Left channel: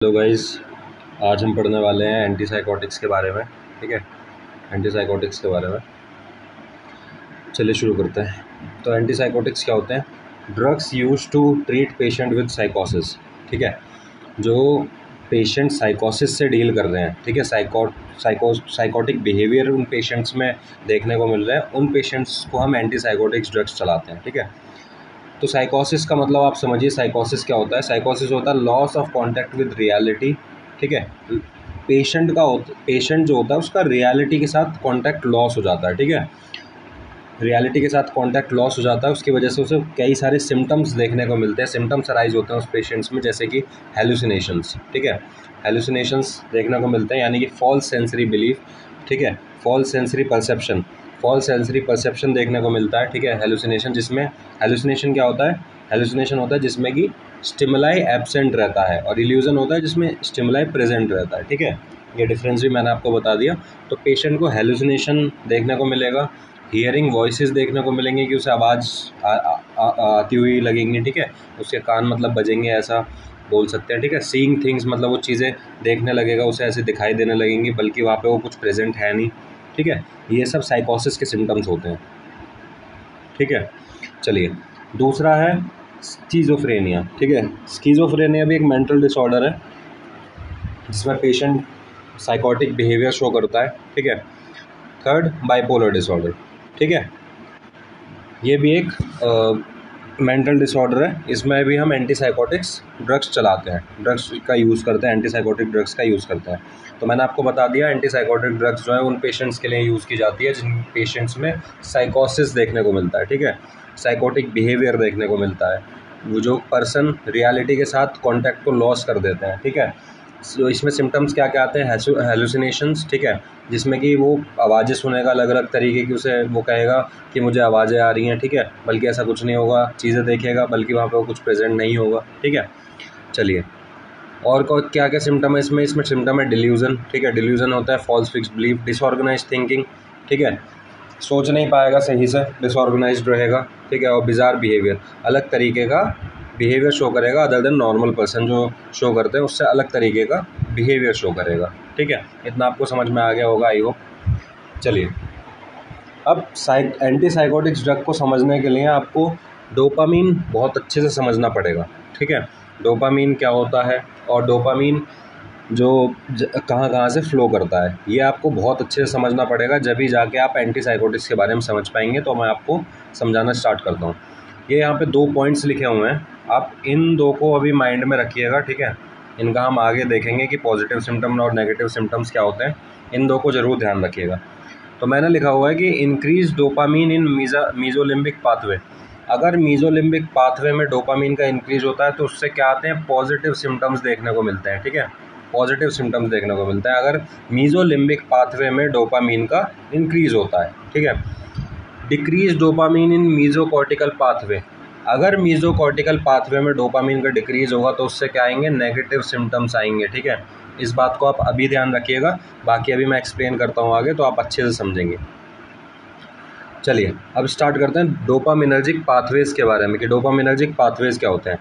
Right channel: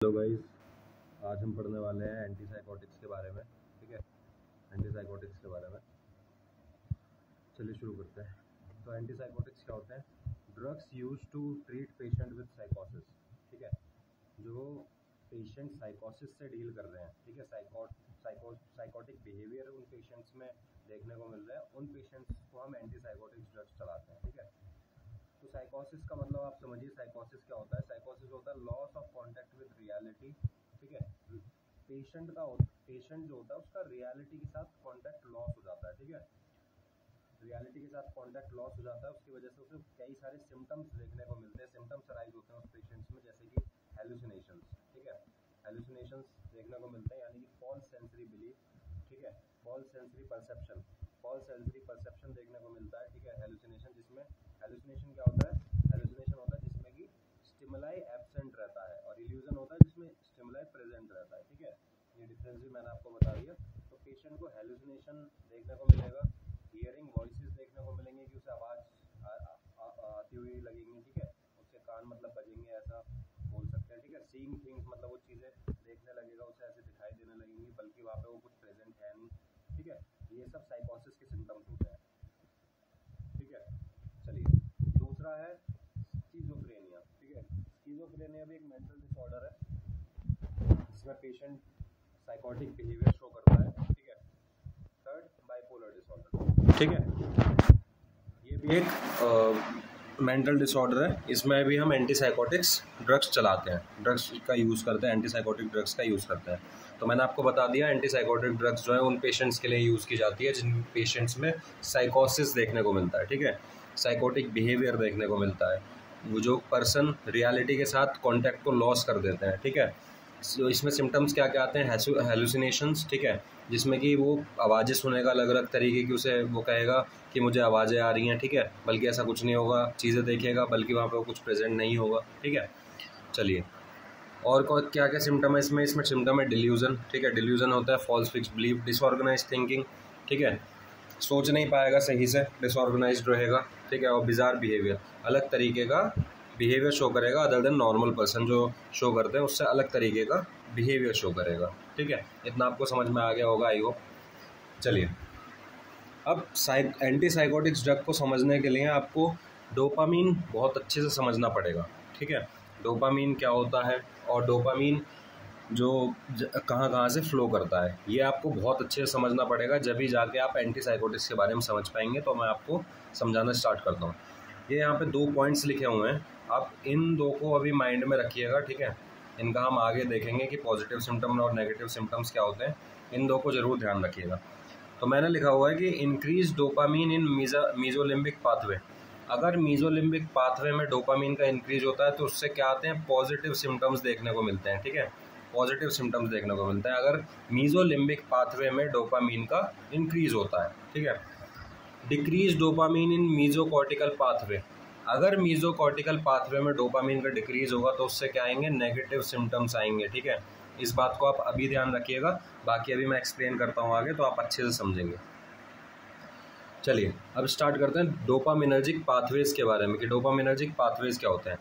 Hello guys, आज हम पढ़ने वाले हैं एंटीसाइकोटिक्स के बारे में। ठीक है, एंटीसाइकोटिक्स के बारे में चलिए शुरू करते हैं। तो एंटीसाइकोटिक्स क्या होते हैं? Drugs use to treat patient with साइकोसिस। ठीक है, जो पेशेंट साइकोसिस से डील कर रहे हैं, ठीक है, साइकोटिक बिहेवियर उन पेशेंट्स में देखने को मिल रहा है, उन पेशेंट्स को हम एंटीसाइकोटिक्स ड्रग्स चलाते हैं। ठीक है, तो साइकोसिस का मतलब आप समझिए, साइकोसिस क्या होता है? साइकोसिस होता है loss of contact with reality. ठीक है, पेशेंट जो होता है उसका रियलिटी के साथ कांटेक्ट लॉस हो जाता है। ठीक है, रियलिटी के साथ कांटेक्ट लॉस हो जाता है, उसकी वजह से उसे कई सारे सिम्टम्स देखने को मिलते हैं, सिम्टम्स अराइज होते हैं उस पेशेंट्स में, जैसे कि हेलुसिनेशंस। ठीक है, हेलुसिनेशंस देखने को मिलते हैं, यानी कि फॉल्स सेंसरी बिलीफ। ठीक है, फॉल्स सेंसरी परसेप्शन देखने को मिलता है। ठीक है, हेलुसिनेशन, जिसमें हेलुसिनेशन क्या होता है? हेलुसिनेशन होता है जिसमें कि स्टिमुलाई एब्सेंट रहता है, और इल्यूजन होता है जिसमें स्टिमुलाई प्रेजेंट रहता है। ठीक है, ये डिफरेंस भी मैंने आपको बता दिया। तो पेशेंट को हेलुसिनेशन देखने को मिलेगा, हियरिंग वॉइसेस देखने को मिलेंगे कि उसे आवाज़ आती हुई लगेंगी। ठीक है, उसके कान मतलब बजेंगे, ऐसा बोल सकते हैं। ठीक है, सीइंग थिंग्स मतलब वो चीज़ें देखने लगेगा, उसे ऐसे दिखाई देने लगेंगी, बल्कि वहाँ पे वो कुछ प्रेजेंट है नहीं। ठीक है, ये सब साइकोसिस के सिम्टम्स होते हैं। ठीक है, चलिए, दूसरा है स्किज़ोफ्रेनिया। ठीक है, स्किज़ोफ्रेनिया भी एक मेंटल डिसऑर्डर है जिसमें पेशेंट साइकोटिक बिहेवियर शो करता है। ठीक है, थर्ड, बाइपोलर डिसऑर्डर। ठीक है, ये भी एक मेंटल डिसऑर्डर है, इसमें भी हम एंटीसाइकोटिक्स ड्रग्स चलाते हैं, ड्रग्स का यूज़ करते हैं, एंटीसाइकोटिक ड्रग्स का यूज़ करते हैं। तो मैंने आपको बता दिया, एंटीसाइकोटिक ड्रग्स जो है उन पेशेंट्स के लिए यूज़ की जाती है जिन पेशेंट्स में साइकोसिस देखने को मिलता है। ठीक है, साइकोटिक बिहेवियर देखने को मिलता है, वो जो पर्सन रियलिटी के साथ कॉन्टैक्ट को लॉस कर देते हैं। ठीक है, तो इसमें सिम्टम्स क्या क्या आते हैं? हेलुसिनेशंस। ठीक है, जिसमें कि वो आवाज़ें सुनेगा अलग अलग तरीके की, उसे वो कहेगा कि मुझे आवाज़ें आ रही हैं। ठीक है, बल्कि ऐसा कुछ नहीं होगा, चीज़ें देखेगा बल्कि वहाँ पे वो कुछ प्रेजेंट नहीं होगा। ठीक है, चलिए, और क्या क्या सिम्टम है इसमें सिम्टम है डिल्यूजन। ठीक है, डिल्यूजन होता है false fix belief, disorganise thinking. ठीक है, सोच नहीं पाएगा सही से, डिसऑर्गेनाइज्ड रहेगा। ठीक है, और बिजार बिहेवियर, अलग तरीके का बिहेवियर शो करेगा, अदर देन नॉर्मल पर्सन जो शो करते हैं उससे अलग तरीके का बिहेवियर शो करेगा। ठीक है, इतना आपको समझ में आ गया होगा, आई होप। चलिए, अब एंटीसाइकोटिक्स ड्रग को समझने के लिए आपको डोपामीन बहुत अच्छे से समझना पड़ेगा। ठीक है, डोपामीन क्या होता है और डोपामीन जो कहाँ कहाँ से फ़्लो करता है, ये आपको बहुत अच्छे से समझना पड़ेगा, जब भी जाके आप एंटीसाइकोटिक्स के बारे में समझ पाएंगे। तो मैं आपको समझाना स्टार्ट करता हूँ। ये यहाँ पे 2 पॉइंट्स लिखे हुए हैं, आप इन 2 को अभी माइंड में रखिएगा। ठीक है, इनका हम आगे देखेंगे कि पॉजिटिव सिम्टम और नेगेटिव सिम्टम्स क्या होते हैं, इन 2 को ज़रूर ध्यान रखिएगा। तो मैंने लिखा हुआ है कि इंक्रीज डोपामीन इन मीजोलिम्बिक पाथवे। अगर मीजोलिम्बिक पाथवे में डोपामीन का इंक्रीज होता है तो उससे क्या आते हैं? पॉजिटिव सिम्टम्स देखने को मिलते हैं। ठीक है, पॉजिटिव सिम्टम्स देखने को मिलते हैं अगर मीजोलिम्बिक पाथवे में डोपामीन का इंक्रीज होता है। ठीक है, decrease dopamine in mesocortical pathway. अगर मीजोकॉर्टिकल पाथवे में डोपामीन का डिक्रीज होगा तो उससे क्या आएंगे? नेगेटिव सिम्टम्स आएंगे। ठीक है, इस बात को आप अभी ध्यान रखिएगा, बाकी अभी मैं एक्सप्लेन करता हूँ आगे तो आप अच्छे से समझेंगे। चलिए, अब स्टार्ट करते हैं डोपामिनर्जिक पाथवेज के बारे में कि डोपामिनर्जिक पाथवेज क्या होते हैं।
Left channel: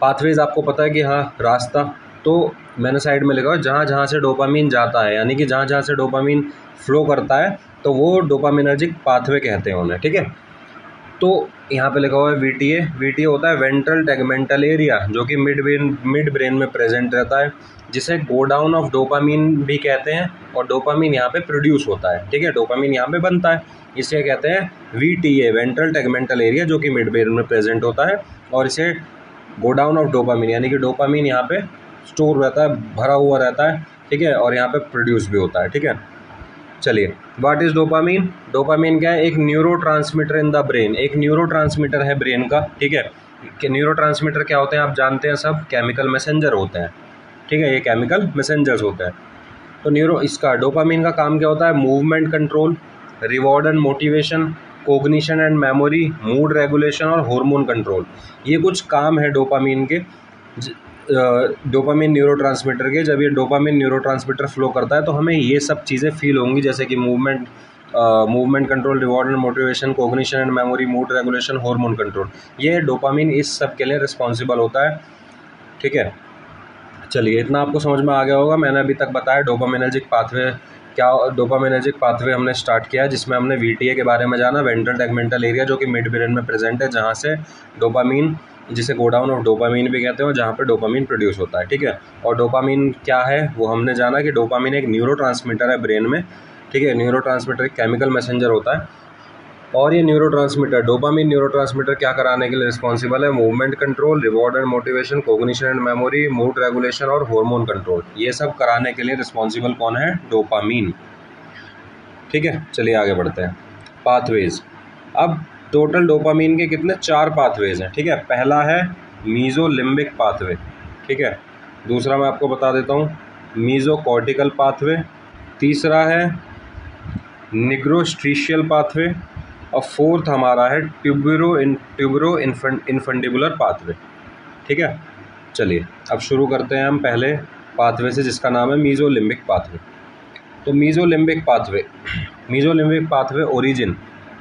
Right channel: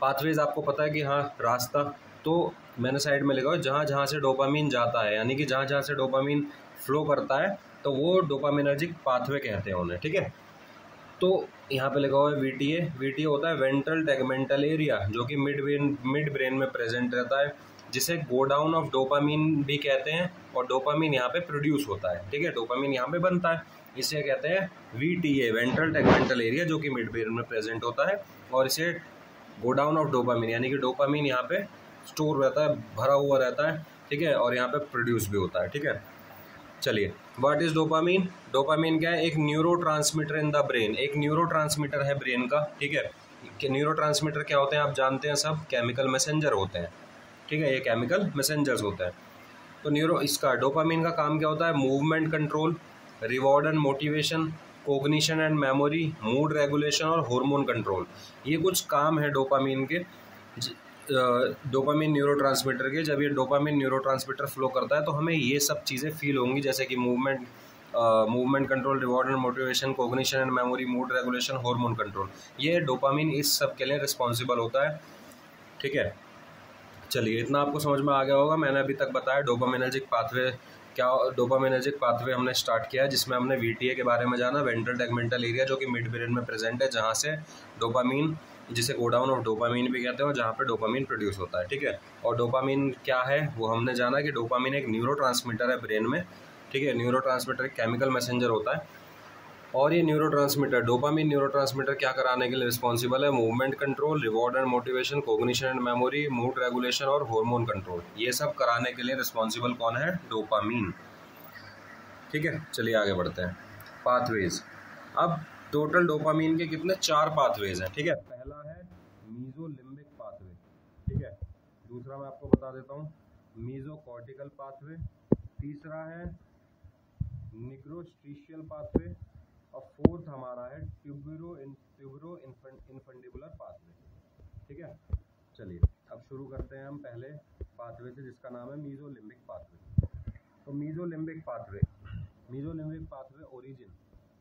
पाथवेज आपको पता है कि हाँ, रास्ता, तो मैंने साइड में लिखा है जहाँ जहाँ से डोपामीन जाता है, यानी कि जहाँ जहाँ से डोपामीन फ्लो करता है तो वो डोपामिनर्जिक पाथवे कहते हैं उन्हें। ठीक है, तो यहाँ पे लिखा हुआ है वीटीए होता है वेंट्रल टेगमेंटल एरिया, जो कि मिड ब्रेन में प्रेजेंट रहता है, जिसे गो डाउन ऑफ डोपामीन भी कहते हैं, और डोपामीन यहाँ पे प्रोड्यूस होता है। ठीक है, डोपामीन यहाँ पे बनता है, इसे कहते हैं वीटीए, वेंट्रल टेगमेंटल एरिया, जो कि मिड ब्रेन में प्रेजेंट होता है, और इसे गो डाउन ऑफ डोपामीन, यानी कि डोपामीन यहाँ पे स्टोर रहता है, भरा हुआ रहता है। ठीक है, और यहाँ पे प्रोड्यूस भी होता है। ठीक है, चलिए, व्हाट इज़ डोपामीन? डोपामीन क्या है? एक न्यूरोट्रांसमीटर इन द ब्रेन, एक न्यूरोट्रांसमीटर है ब्रेन का। ठीक है, कि न्यूरोट्रांसमीटर क्या होते हैं आप जानते हैं सब, केमिकल मैसेंजर होते हैं। ठीक है, ये केमिकल मैसेंजर्स होते हैं। तो इसका डोपामीन का काम क्या होता है? Movement control, reward and motivation, cognition and memory, mood regulation और हार्मोन कंट्रोल। ये कुछ काम है डोपामीन के, डोपामीन न्यूरोट्रांसमीटर के। जब ये डोपामीन न्यूरोट्रांसमीटर फ्लो करता है तो हमें ये सब चीज़ें फील होंगी, जैसे कि movement control, reward and motivation, cognition and memory, mood regulation, hormone control. ये डोपामीन इस सब के लिए रिस्पॉन्सिबल होता है। ठीक है, चलिए इतना आपको समझ में आ गया होगा। मैंने अभी तक बताया डोपामिनर्जिक पाथवे क्या, डोपामिनर्जिक पाथवे हमने स्टार्ट किया जिसमें हमने VTA के बारे में जाना, वेंट्रल टैगमेंटल एरिया जो कि मिड ब्रेन में प्रेजेंट है, जहाँ से डोपामीन, जिसे गोडाउन ऑफ डोपामीन भी कहते हैं, और जहाँ पे डोपामीन प्रोड्यूस होता है, ठीक है। और डोपामीन क्या है वो हमने जाना कि डोपामीन एक न्यूरोट्रांसमीटर है ब्रेन में, ठीक है। न्यूरोट्रांसमीटर एक केमिकल मैसेंजर होता है, और ये न्यूरोट्रांसमीटर, डोपामीन न्यूरोट्रांसमीटर क्या कराने के लिए रिस्पॉन्सिबल है? Movement control, reward and motivation, cognition and memory, mood regulation और हार्मोन कंट्रोल। ये सब कराने के लिए रिस्पॉन्सिबल कौन है? डोपामीन, ठीक है। चलिए आगे बढ़ते हैं। पाथवेज, अब टोटल डोपामीन के कितने? 4 पाथवेज हैं, ठीक है। पहला है मीजोलिम्बिक पाथवे, ठीक है। दूसरा मैं आपको बता देता हूँ मीजोकॉर्टिकल पाथवे, तीसरा है निग्रोस्ट्रीशियल पाथवे, और फोर्थ हमारा है ट्यूबरो इन्फंडिबुलर पाथवे, ठीक है। चलिए अब शुरू करते हैं हम पहले पाथवे से जिसका नाम है मीजोलिम्बिक पाथवे। तो मीजोलिम्बिक पाथवे ओरिजिन,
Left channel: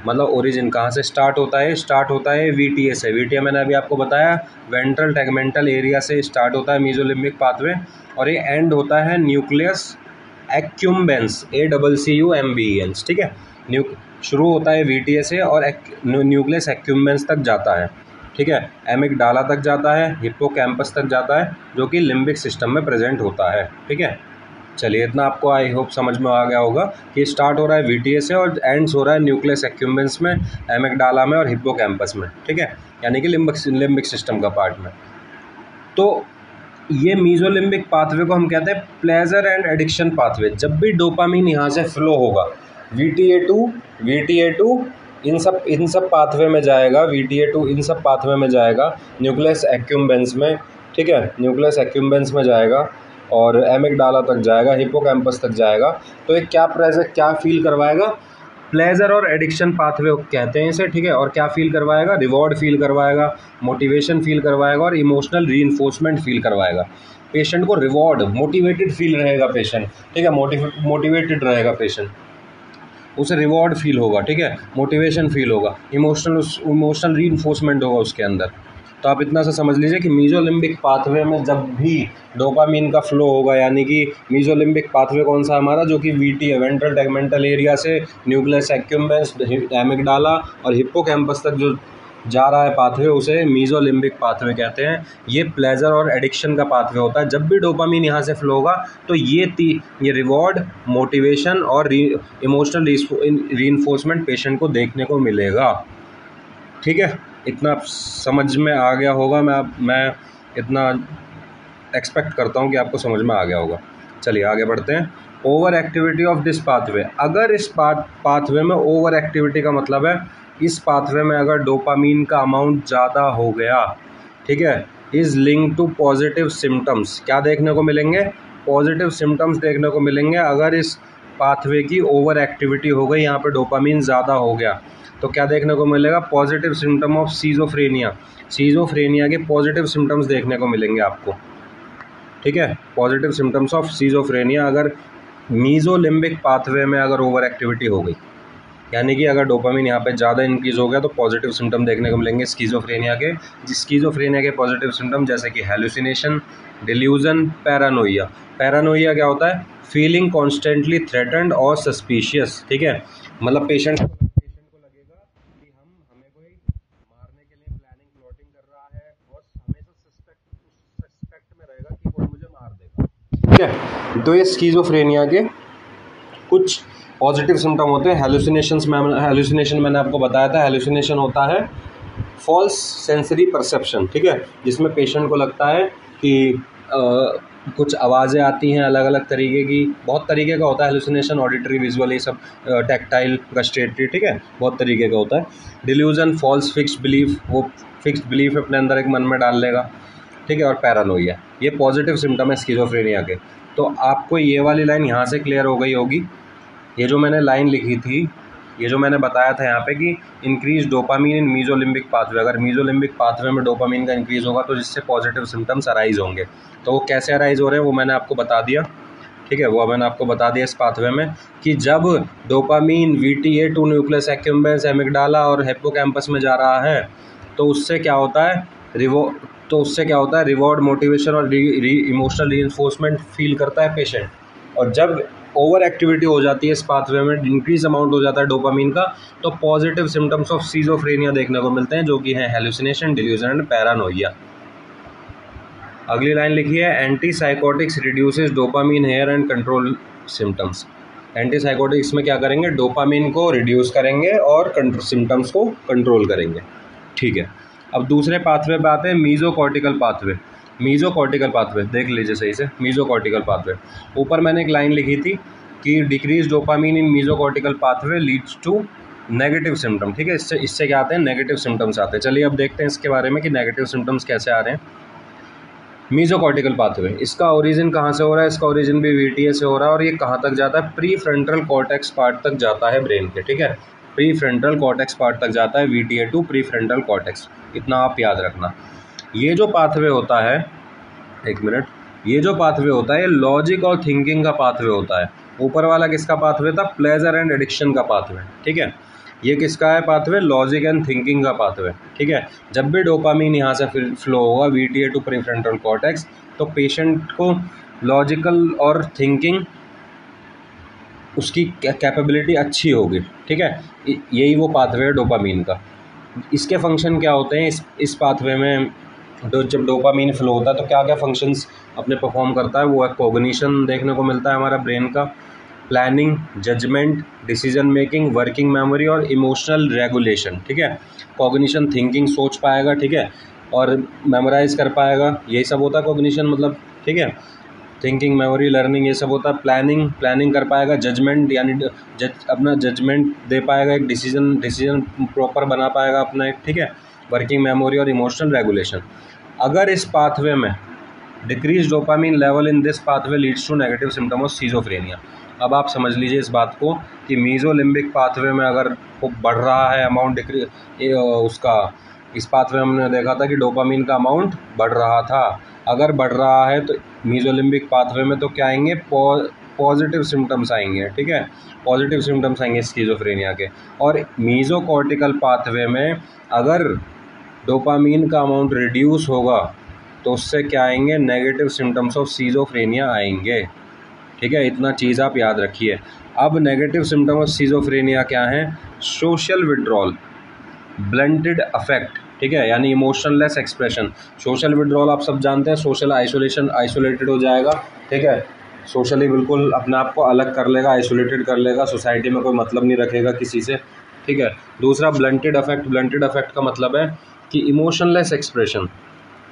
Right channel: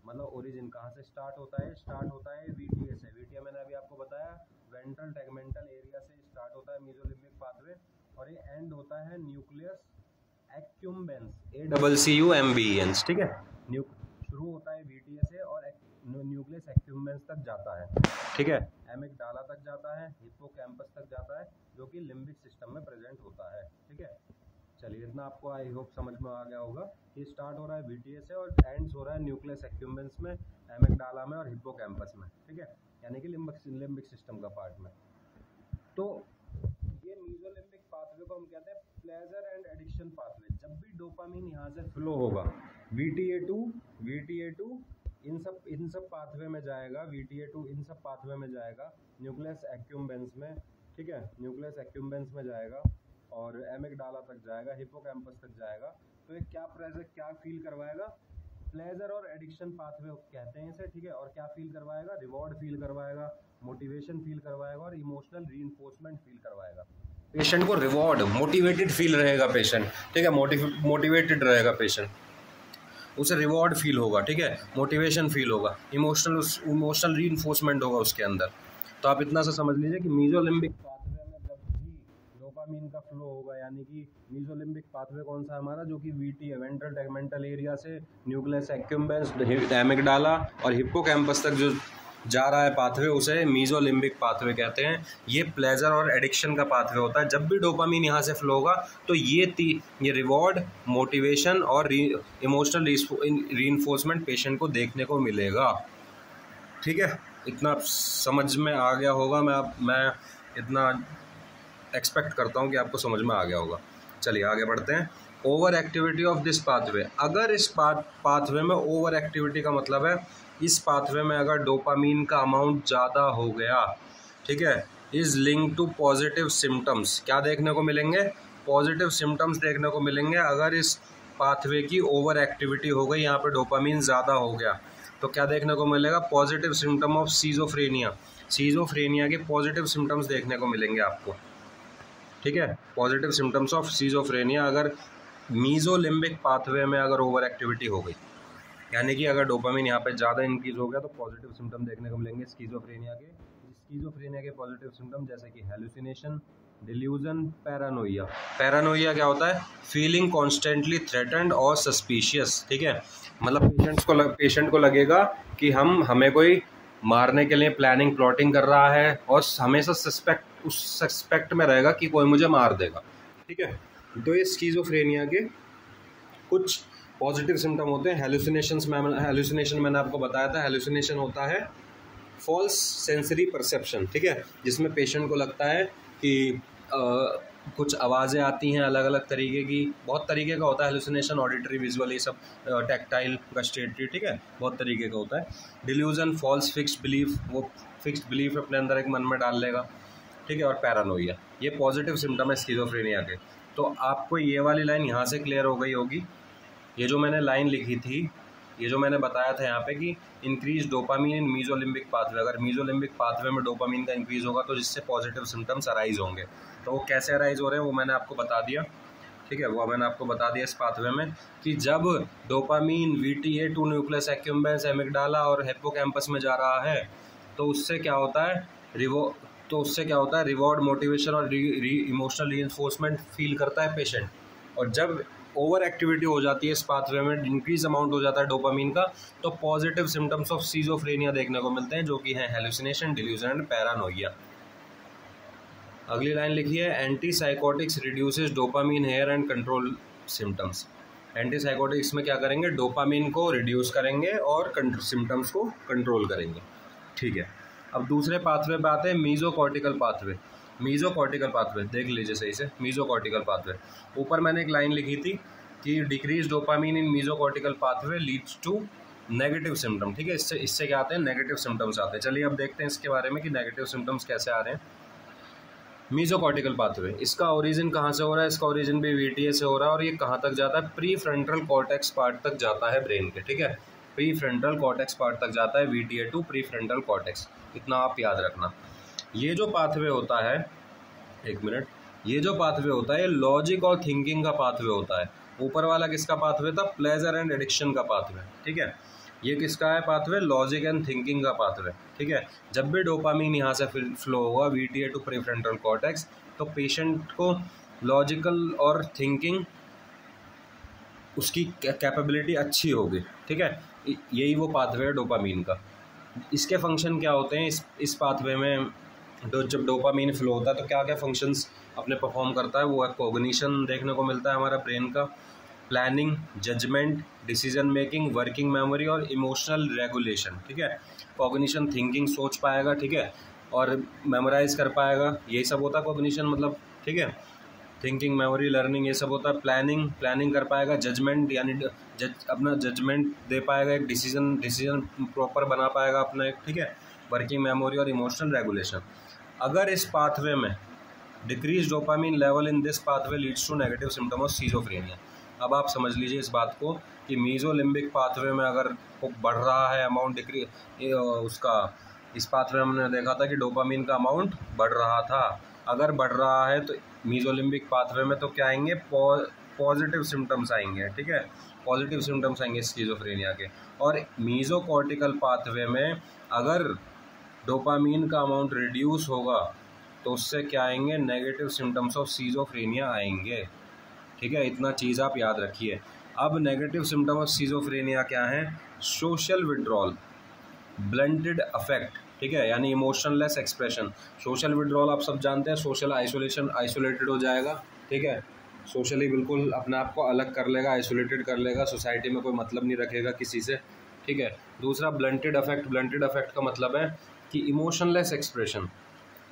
मतलब ओरिजिन कहाँ से स्टार्ट होता है? स्टार्ट होता है VTA से। VTA मैंने अभी आपको बताया वेंट्रल टैगमेंटल एरिया से स्टार्ट होता है मीजोलिम्बिक पाथवे, और ये एंड होता है न्यूक्लियस एक्यूम्बेंस, ACCUMBENS, ठीक है। शुरू होता है VTA से और न्यूक्लियस एक्यूम्बेंस तक जाता है, ठीक है। एमिगडाला तक जाता है, हिप्पोकैम्पस तक जाता है, जो कि लिम्बिक सिस्टम में प्रेजेंट होता है, ठीक है। चलिए इतना आपको आई होप समझ में आ गया होगा कि स्टार्ट हो रहा है VTA से और एंड्स हो रहा है न्यूक्लियस एक्यूम्बेंस में, एमिगडाला में और हिप्पोकैम्पस में, ठीक है, यानी कि लिम्बिक सिस्टम का पार्ट में। तो ये मीजोलिम्बिक पाथवे को हम कहते हैं प्लेजर एंड एडिक्शन पाथवे। जब भी डोपामीन यहाँ से फ्लो होगा VTA2 इन सब पाथवे में जाएगा, VTA2 इन सब पाथवे में जाएगा, न्यूक्लियस एक्यूम्बेंस में, ठीक है, न्यूक्लियस एक्यूम्बेंस में जाएगा और एमिगडाला तक जाएगा, हिप्पोकैम्पस तक जाएगा। तो ये क्या फील करवाएगा? प्लेजर और एडिक्शन पाथवे कहते हैं इसे, ठीक है। और क्या फील करवाएगा? रिवॉर्ड फील करवाएगा, मोटिवेशन फील करवाएगा और इमोशनल रीइंफोर्समेंट फील करवाएगा। पेशेंट को रिवॉर्ड, मोटिवेटेड फील रहेगा पेशेंट, ठीक है, मोटिवेटेड रहेगा पेशेंट, उसे रिवॉर्ड फील होगा, ठीक है, मोटिवेशन फील होगा, इमोशनल रीइंफोर्समेंट होगा उसके अंदर। तो आप इतना सा समझ लीजिए कि मीजोलिम्बिक पाथवे में जब भी डोपामीन का फ्लो होगा, यानी कि मीजोलिम्बिक पाथवे कौन सा हमारा, जो कि VTA वेंट्रल टैगमेंटल एरिया से न्यूक्लियस एक्यूम्बेंस, एमिगडाला और हिप्पोकैम्पस तक जो जा रहा है पाथवे, उसे मीजोलिम्बिक पाथवे कहते हैं। ये प्लेजर और एडिक्शन का पाथवे होता है। जब भी डोपामीन यहाँ से फ्लो होगा तो ये रिवॉर्ड, मोटिवेशन और इमोशनल रीइंफोर्समेंट पेशेंट को देखने को मिलेगा, ठीक है। इतना समझ में आ गया होगा, मैं इतना एक्सपेक्ट करता हूँ कि आपको समझ में आ गया होगा। चलिए आगे बढ़ते हैं। Over activity of this pathway, अगर इस पाथवे में ओवर एक्टिविटी का मतलब है इस पाथवे में अगर डोपामीन का अमाउंट ज़्यादा हो गया, ठीक है, is link to positive symptoms. क्या देखने को मिलेंगे? पॉजिटिव सिम्टम्स देखने को मिलेंगे। अगर इस पाथवे की ओवर एक्टिविटी हो गई, यहाँ पे डोपामीन ज़्यादा हो गया, तो क्या देखने को मिलेगा? पॉजिटिव सिम्टम ऑफ सीजोफ्रेनिया के पॉजिटिव सिम्टम्स देखने को मिलेंगे आपको, ठीक है। पॉजिटिव सिम्टम्स ऑफ सीजोफ्रेनिया अगर मीजोलिम्बिक पाथवे में अगर ओवर एक्टिविटी हो गई, यानी कि अगर डोपामीन यहाँ पे ज़्यादा इंक्रीज़ हो गया, तो पॉजिटिव सिम्टम देखने को मिलेंगे स्किज़ोफ्रेनिया के पॉजिटिव सिम्टम जैसे कि हेलुसिनेशन, डिल्यूजन, पैरानोइया। पैरानोइया क्या होता है? फीलिंग कॉन्स्टेंटली थ्रेटन्ड और सस्पिशियस, ठीक है, मतलब पेशेंट को लगेगा कि हमें कोई मारने के लिए प्लानिंग प्लॉटिंग कर रहा है और हमेशा सस्पेक्ट में रहेगा कि कोई मुझे मार देगा, ठीक है। तो ये स्किज़ोफ्रेनिया के कुछ पॉजिटिव सिम्टम होते हैं। हेलुसिनेशन मैंने आपको बताया था। हेलुसिनेशन होता है फॉल्स सेंसरी परसेप्शन, ठीक है, जिसमें पेशेंट को लगता है कि कुछ आवाज़ें आती हैं अलग अलग तरीके की, बहुत तरीके का होता है हेलुसिनेशन, ऑडिटरी, विजुअल, ये सब, टैक्टाइल, गस्टेटरी, ठीक है, बहुत तरीके का होता है। डिल्यूजन, फॉल्स फिक्स्ड बिलीफ, वो फिक्स्ड बिलीफ अपने अंदर एक मन में डाल लेगा, ठीक है। और पैरानोइया, ये पॉजिटिव सिम्टम है स्किज़ोफ्रेनिया के। तो आपको ये वाली लाइन यहाँ से क्लियर हो गई होगी। ये जो मैंने लाइन लिखी थी, ये जो मैंने बताया था यहाँ पे कि इंक्रीज डोपामीन इन मीजोलिम्बिक पाथवे, अगर मीजोलिम्बिक पाथवे में डोपामीन का इंक्रीज होगा तो जिससे पॉजिटिव सिम्टम्स अराइज होंगे। तो वो कैसे अराइज हो रहे हैं वो मैंने आपको बता दिया, ठीक है, वो मैंने आपको बता दिया इस पाथवे में कि जब डोपामीन VTA2 न्यूक्लियस एक्यूम्बेंस, एमिगडाला और हिप्पोकैम्पस में जा रहा है तो उससे क्या होता है, तो उससे क्या होता है, रिवॉर्ड, मोटिवेशन और इमोशनल रीइंफोर्समेंट फील करता है पेशेंट। और जब ओवर एक्टिविटी हो जाती है इस पाथवे में, इंक्रीज अमाउंट हो जाता है डोपामीन का, तो पॉजिटिव सिम्टम्स ऑफ सिजोफ्रेनिया देखने को मिलते हैं, जो कि हैं हेलुसिनेशन, डिल्यूजन एंड पैरानोइया। अगली लाइन लिखी है, antipsychotics reduces dopamine here and control symptoms. Antipsychotics में क्या करेंगे, डोपामीन को रिड्यूस करेंगे और सिम्टम्स को कंट्रोल करेंगे। ठीक है, अब दूसरे पाथवे पे आते हैं, मीजोकॉर्टिकल पाथवे। मीजोकॉर्टिकल पाथवे देख लीजिए सही से, मीजोकॉर्टिकल पाथवे। ऊपर मैंने एक लाइन लिखी थी कि decrease dopamine in mesocortical pathway leads to negative symptom. ठीक है, इससे क्या आते हैं, नेगेटिव सिम्टम्स आते हैं। चलिए अब देखते हैं इसके बारे में कि नेगेटिव सिम्टम्स कैसे आ रहे हैं। मीजोकॉर्टिकल पाथवे, इसका ओरिजिन कहाँ से हो रहा है, इसका ओरिजिन भी वीटीए से हो रहा है, और ये कहाँ तक जाता है, प्री फ्रंटल कॉर्टेक्स पार्ट तक जाता है ब्रेन के। ठीक है, प्री फ्रंटल कॉर्टेक्स पार्ट तक जाता है, VTA to prefrontal cortex, इतना आप याद रखना। ये जो पाथवे होता है, एक मिनट, ये जो पाथवे होता है ये लॉजिक और थिंकिंग का पाथवे होता है। ऊपर वाला किसका पाथवे था, प्लेजर एंड एडिक्शन का पाथवे। ठीक है, ये किसका है पाथवे, लॉजिक एंड थिंकिंग का पाथवे। ठीक है, जब भी डोपामीन यहाँ से फ्लो होगा वीटीए टू प्रीफ्रंटल कॉर्टेक्स, तो पेशेंट को लॉजिकल और थिंकिंग उसकी कैपेबिलिटी अच्छी होगी। ठीक है, यही वो पाथवे है डोपामीन का। इसके फंक्शन क्या होते हैं, इस पाथवे में जब डोपामीन फ्लो होता है तो क्या क्या फंक्शंस अपने परफॉर्म करता है, वो है कॉग्निशन देखने को मिलता है हमारा ब्रेन का, planning, judgement, decision making, working memory और इमोशनल रेगुलेशन। ठीक है, कॉग्निशन थिंकिंग, सोच पाएगा, ठीक है, और मेमोराइज कर पाएगा, यही सब होता है कॉग्निशन मतलब। ठीक है, थिंकिंग, मेमोरी, लर्निंग, ये सब होता है। प्लानिंग कर पाएगा, जजमेंट यानी अपना जजमेंट दे पाएगा, एक डिसीजन प्रॉपर बना पाएगा अपना एक। ठीक है, वर्किंग मेमोरी और इमोशनल रेगुलेशन। अगर इस पाथवे में decrease dopamine level in this pathway leads to negative symptom of schizophrenia. अब आप समझ लीजिए इस बात को कि मीजोलिम्बिक पाथवे में अगर वो बढ़ रहा है अमाउंट उसका, इस पाथवे में हमने देखा था कि डोपामीन का अमाउंट बढ़ रहा था, अगर बढ़ रहा है तो मीजोलिम्बिक पाथवे में तो क्या आएंगे, पॉजिटिव सिम्टम्स आएंगे। ठीक है, पॉजिटिव सिम्टम्स आएंगे स्किज़ोफ्रेनिया के। और मीजोकॉर्टिकल पाथवे में अगर डोपामीन का अमाउंट रिड्यूस होगा तो उससे क्या आएंगे, नेगेटिव सिम्टम्स ऑफ सीजोफ्रेनिया आएंगे। ठीक है, इतना चीज़ आप याद रखिए। अब नेगेटिव सिम्टम ऑफ सीजोफ्रेनिया क्या हैं, सोशल विड्रॉल, ब्लंटेड अफेक्ट, ठीक है, यानी इमोशनलेस एक्सप्रेशन। सोशल विड्रॉल आप सब जानते हैं, सोशल आइसोलेशन, आइसोलेटेड हो जाएगा। ठीक है, सोशली बिल्कुल अपने आप को अलग कर लेगा, आइसोलेटेड कर लेगा, सोसाइटी में कोई मतलब नहीं रखेगा किसी से। ठीक है, दूसरा ब्लंटेड अफेक्ट, ब्लंटेड अफेक्ट का मतलब है कि इमोशनलेस एक्सप्रेशन,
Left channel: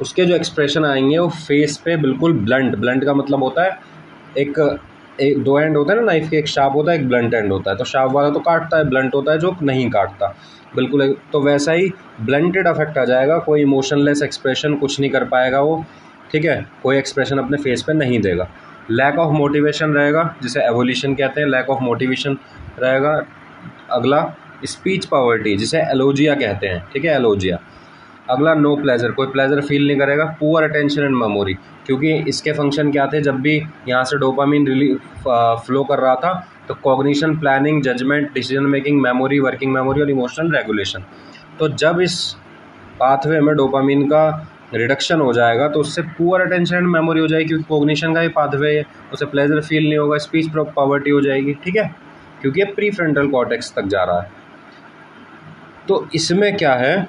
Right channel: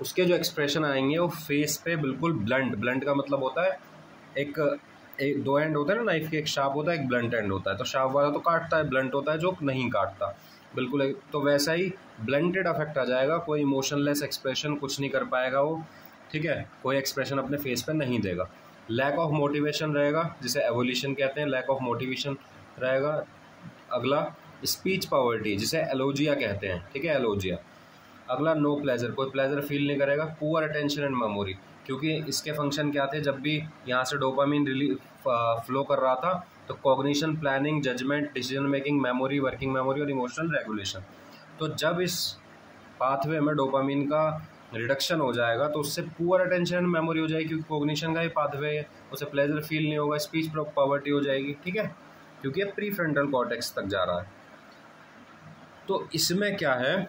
उसके जो एक्सप्रेशन आएंगे वो फेस पे बिल्कुल ब्लंट का मतलब होता है एक दो एंड होता है ना नाइफ के, एक शार्प होता है एक ब्लंट एंड होता है, तो शार्प वाला तो काटता है, ब्लंट होता है जो नहीं काटता, बिल्कुल। तो वैसा ही ब्लंटेड अफेक्ट आ जाएगा, कोई इमोशनलेस एक्सप्रेशन कुछ नहीं कर पाएगा वो। ठीक है, कोई एक्सप्रेशन अपने फेस पे नहीं देगा। लैक ऑफ मोटिवेशन रहेगा, जिसे एवोल्यूशन कहते हैं, लैक ऑफ मोटिवेशन रहेगा। अगला स्पीच पावर्टी, जिसे एलोजिया कहते हैं। ठीक है, एलोजिया। अगला नो प्लेजर, कोई प्लेजर फील नहीं करेगा। पुअर अटेंशन एंड मेमोरी, क्योंकि इसके फंक्शन क्या थे, जब भी यहाँ से डोपामीन फ्लो कर रहा था तो cognition, planning, judgement, decision making, memory, working memory और इमोशनल रेगुलेशन। तो जब इस पाथवे में डोपामीन का रिडक्शन हो जाएगा तो उससे पुअर अटेंशन एंड मेमोरी हो जाएगी, क्योंकि कॉग्निशन का ही पाथवे है, उसे प्लेजर फील नहीं होगा। स्पीच पावर्टी हो जाएगी। ठीक है, क्योंकि ये प्री फ्रंटल कॉर्टेक्स तक जा रहा है। तो इसमें क्या है,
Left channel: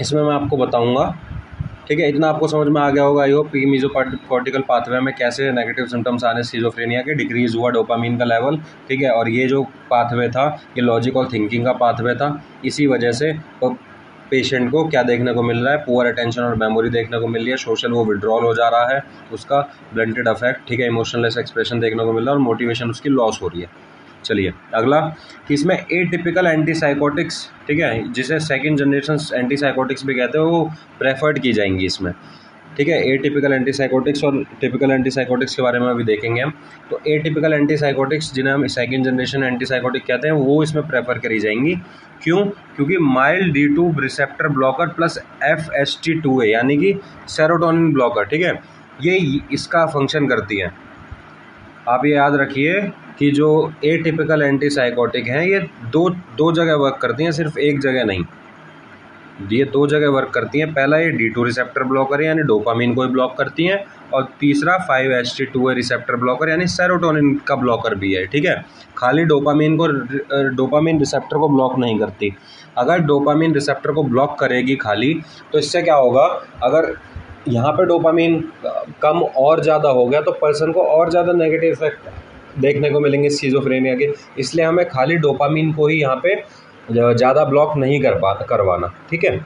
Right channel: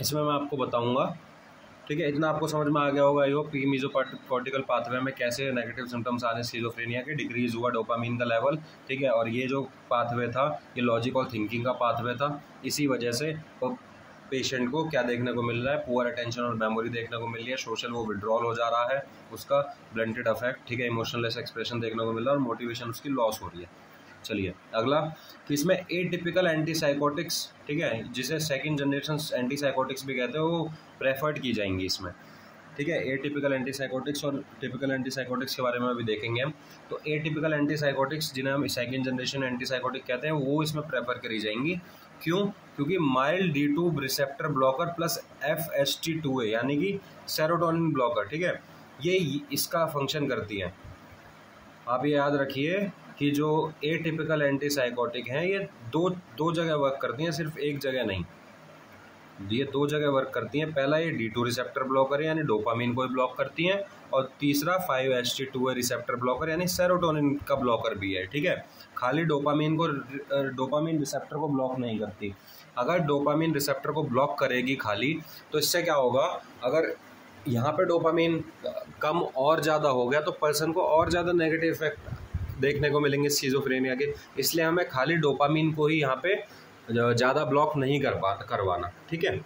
इसमें मैं आपको बताऊंगा। ठीक है, इतना आपको समझ में आ गया होगा आई होप, मीजोकॉर्टिकल पाथवे में कैसे नेगेटिव सिम्टम्स आने सीजोफ्रेनिया के, डिक्रीज हुआ डोपामीन का लेवल। ठीक है, और ये जो पाथवे था ये लॉजिक और थिंकिंग का पाथवे था, इसी वजह से पेशेंट को क्या देखने को मिल रहा है, पुअर अटेंशन और मेमोरी देखने को मिल रही है, सोशल वो विड्रॉल हो जा रहा है उसका, ब्लंटेड अफेक्ट, ठीक है, इमोशनलेस एक्सप्रेशन देखने को मिल रहा है और मोटिवेशन उसकी लॉस हो रही है। चलिए अगला, कि इसमें एटिपिकल एंटीसाइकोटिक्स, ठीक है, जिसे सेकंड जनरेशन एंटीसाइकोटिक्स भी कहते हैं, वो प्रेफर्ड की जाएंगी इसमें। ठीक है, एटिपिकल एंटीसाइकोटिक्स और टिपिकल एंटीसाइकोटिक्स के बारे में अभी देखेंगे हम। तो एटिपिकल एंटीसाइकोटिक्स, जिन्हें हम सेकंड जनरेशन एंटीसाइकोटिक कहते हैं, वो इसमें प्रेफर करी जाएंगी। क्यों, क्योंकि mild D2 receptor blocker plus FST2A यानी कि सेरोटोनिन ब्लॉकर, ठीक है, ये इसका फंक्शन करती है। आप ये याद रखिए कि जो एटिपिकल एंटीसाइकोटिक हैं ये दो जगह वर्क करती हैं, सिर्फ एक जगह नहीं। ये दो जगह वर्क करती हैं। पहला ये D2 रिसेप्टर ब्लॉकर है यानी डोपामीन को ही ब्लॉक करती हैं, और तीसरा 5-HT2A रिसेप्टर ब्लॉकर यानी सेरोटोनिन का ब्लॉकर भी है। ठीक है, खाली डोपामीन रिसेप्टर को ब्लॉक नहीं करती। अगर डोपामीन रिसेप्टर को ब्लॉक करेगी खाली, तो इससे क्या होगा, अगर यहाँ पे डोपामीन कम और ज़्यादा हो गया तो पर्सन को और ज़्यादा नेगेटिव इफेक्ट देखने को मिलेंगे स्किज़ोफ्रेनिया के। इसलिए हमें खाली डोपामीन को ही यहाँ पे ज़्यादा ब्लॉक नहीं करवाना। ठीक है,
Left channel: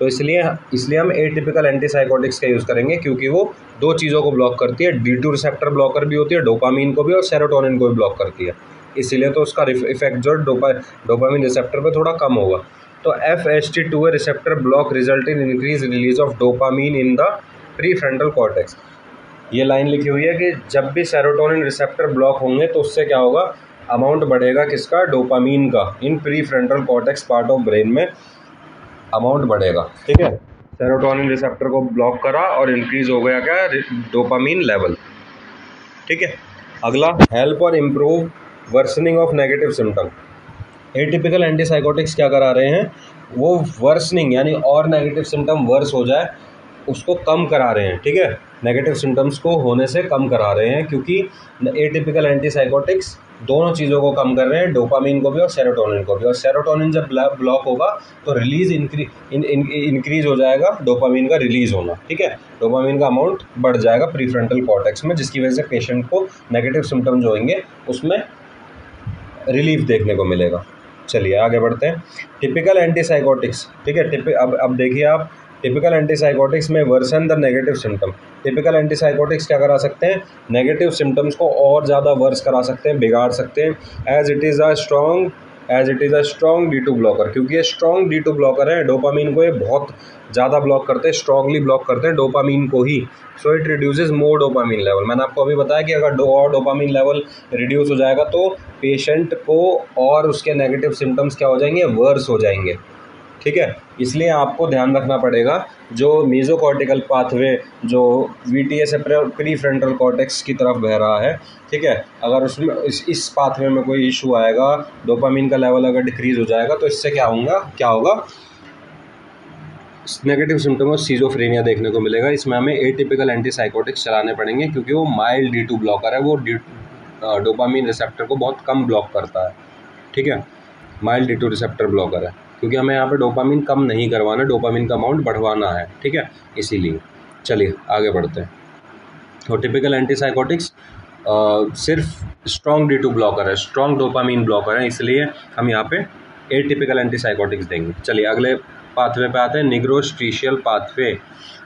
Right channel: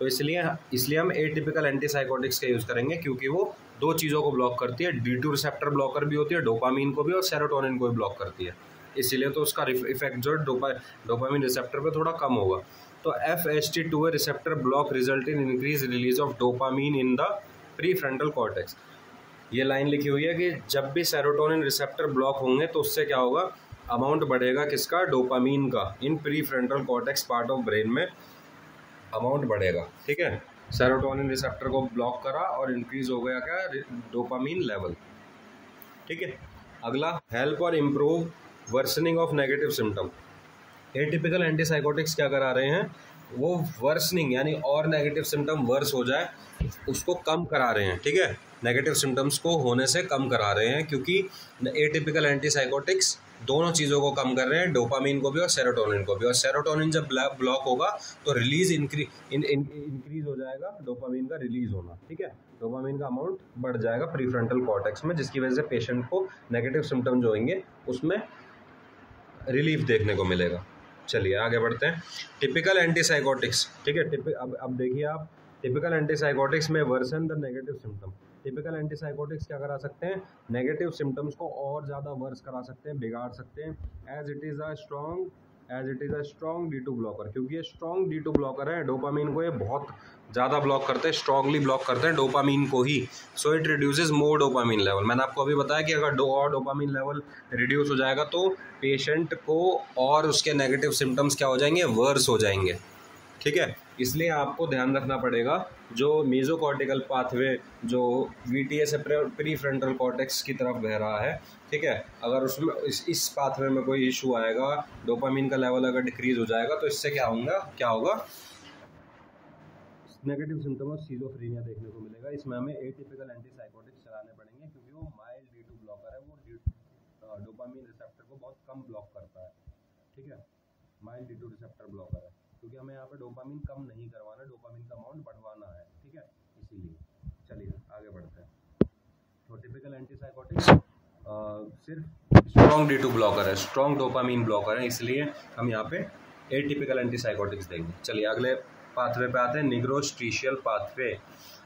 तो इसलिए हम एटिपिकल एंटीसाइकोटिक्स का यूज़ करेंगे, क्योंकि वो दो चीज़ों को ब्लॉक करती है। D2 रिसेप्टर ब्लॉकर भी होती है, डोपामीन को भी और सेरोटोनिन को भी ब्लॉक करती है। इसीलिए तो उसका इफेक्ट जो डोपामीन रिसेप्टर पे थोड़ा कम होगा। तो FHT2A receptor block result in increase release of dopamine in the prefrontal cortex. ये लाइन लिखी हुई है कि जब भी सेरोटोनिन रिसेप्टर ब्लॉक होंगे तो उससे क्या होगा, अमाउंट बढ़ेगा किसका, डोपामीन का। In prefrontal cortex part of brain में अमाउंट बढ़ेगा। ठीक है, सेरोटोनिन रिसेप्टर को ब्लॉक करा और इंक्रीज हो गया क्या, डोपामीन लेवल। ठीक है, अगला हेल्प और improve worsening of negative symptom. Atypical antipsychotics क्या करा रहे हैं, वो वर्सनिंग यानी और नेगेटिव सिम्टम वर्स हो जाए उसको कम करा रहे हैं। ठीक है, नेगेटिव सिम्टम्स को होने से कम करा रहे हैं, क्योंकि एटिपिकल एंटीसाइकोटिक्स दोनों चीज़ों को कम कर रहे हैं, डोपामीन को भी और सेरोटोनिन को भी। और सेरोटोनिन जब ब्लॉक होगा तो रिलीज इंक्रीज हो जाएगा डोपामीन का रिलीज होना। ठीक है, डोपामीन का अमाउंट बढ़ जाएगा प्रीफ्रंटल कॉर्टेक्स में, जिसकी वजह से पेशेंट को नेगेटिव सिम्टम जो होंगे उसमें रिलीफ देखने को मिलेगा। चलिए आगे बढ़ते हैं। Typical antipsychotics. ठीक है, अब देखिए आप, टिपिकल एंटीसाइकोटिक्स में worsen the negative symptom. Typical antipsychotics क्या करा सकते हैं, नेगेटिव सिम्टम्स को और ज़्यादा वर्स करा सकते हैं, बिगाड़ सकते हैं। As it is a strong D2 blocker, क्योंकि ये स्ट्रॉन्ग D2 ब्लॉकर है। डोपामीन को ये बहुत ज़्यादा ब्लॉक करते हैं, स्ट्रॉन्गली ब्लॉक करते हैं डोपामीन को ही। So it reduces more dopamine level. मैंने आपको अभी बताया कि अगर डोपामीन लेवल रिड्यूस हो जाएगा तो पेशेंट को और उसके नेगेटिव सिम्टम्स क्या हो जाएंगे, वर्स हो जाएंगे। ठीक है, इसलिए आपको ध्यान रखना पड़ेगा जो मेसोकॉर्टिकल पाथवे जो VTA से प्रीफ्रंटल कॉर्टेक्स की तरफ बह रहा है। ठीक है, अगर उसमें इस पाथवे में कोई इशू आएगा, डोपामीन का लेवल अगर डिक्रीज हो जाएगा तो इससे क्या होगा, नेगेटिव सिम्टम और स्किज़ोफ्रेनिया देखने को मिलेगा। इसमें हमें एटिपिकल एंटीसाइकोटिक्स चलाने पड़ेंगे, क्योंकि वो माइल्ड D2 ब्लॉकर है, वो डोपामीन रिसेप्टर को बहुत कम ब्लॉक करता है। ठीक है, माइल्ड D2 रिसेप्टर ब्लॉकर है, क्योंकि हमें यहाँ पे डोपामीन कम नहीं करवाना, डोपामीन का अमाउंट बढ़वाना है। ठीक है, इसीलिए चलिए आगे बढ़ते हैं। तो टिपिकल एंटीसाइकोटिक्स सिर्फ स्ट्रॉन्ग D2 ब्लॉकर है, स्ट्रॉन्ग डोपामीन ब्लॉकर है, इसलिए हम यहाँ पे एटिपिकल एंटीसाइकोटिक्स देंगे। चलिए अगले पाथवे पे आते हैं, निग्रोस्ट्रीशियल पाथवे।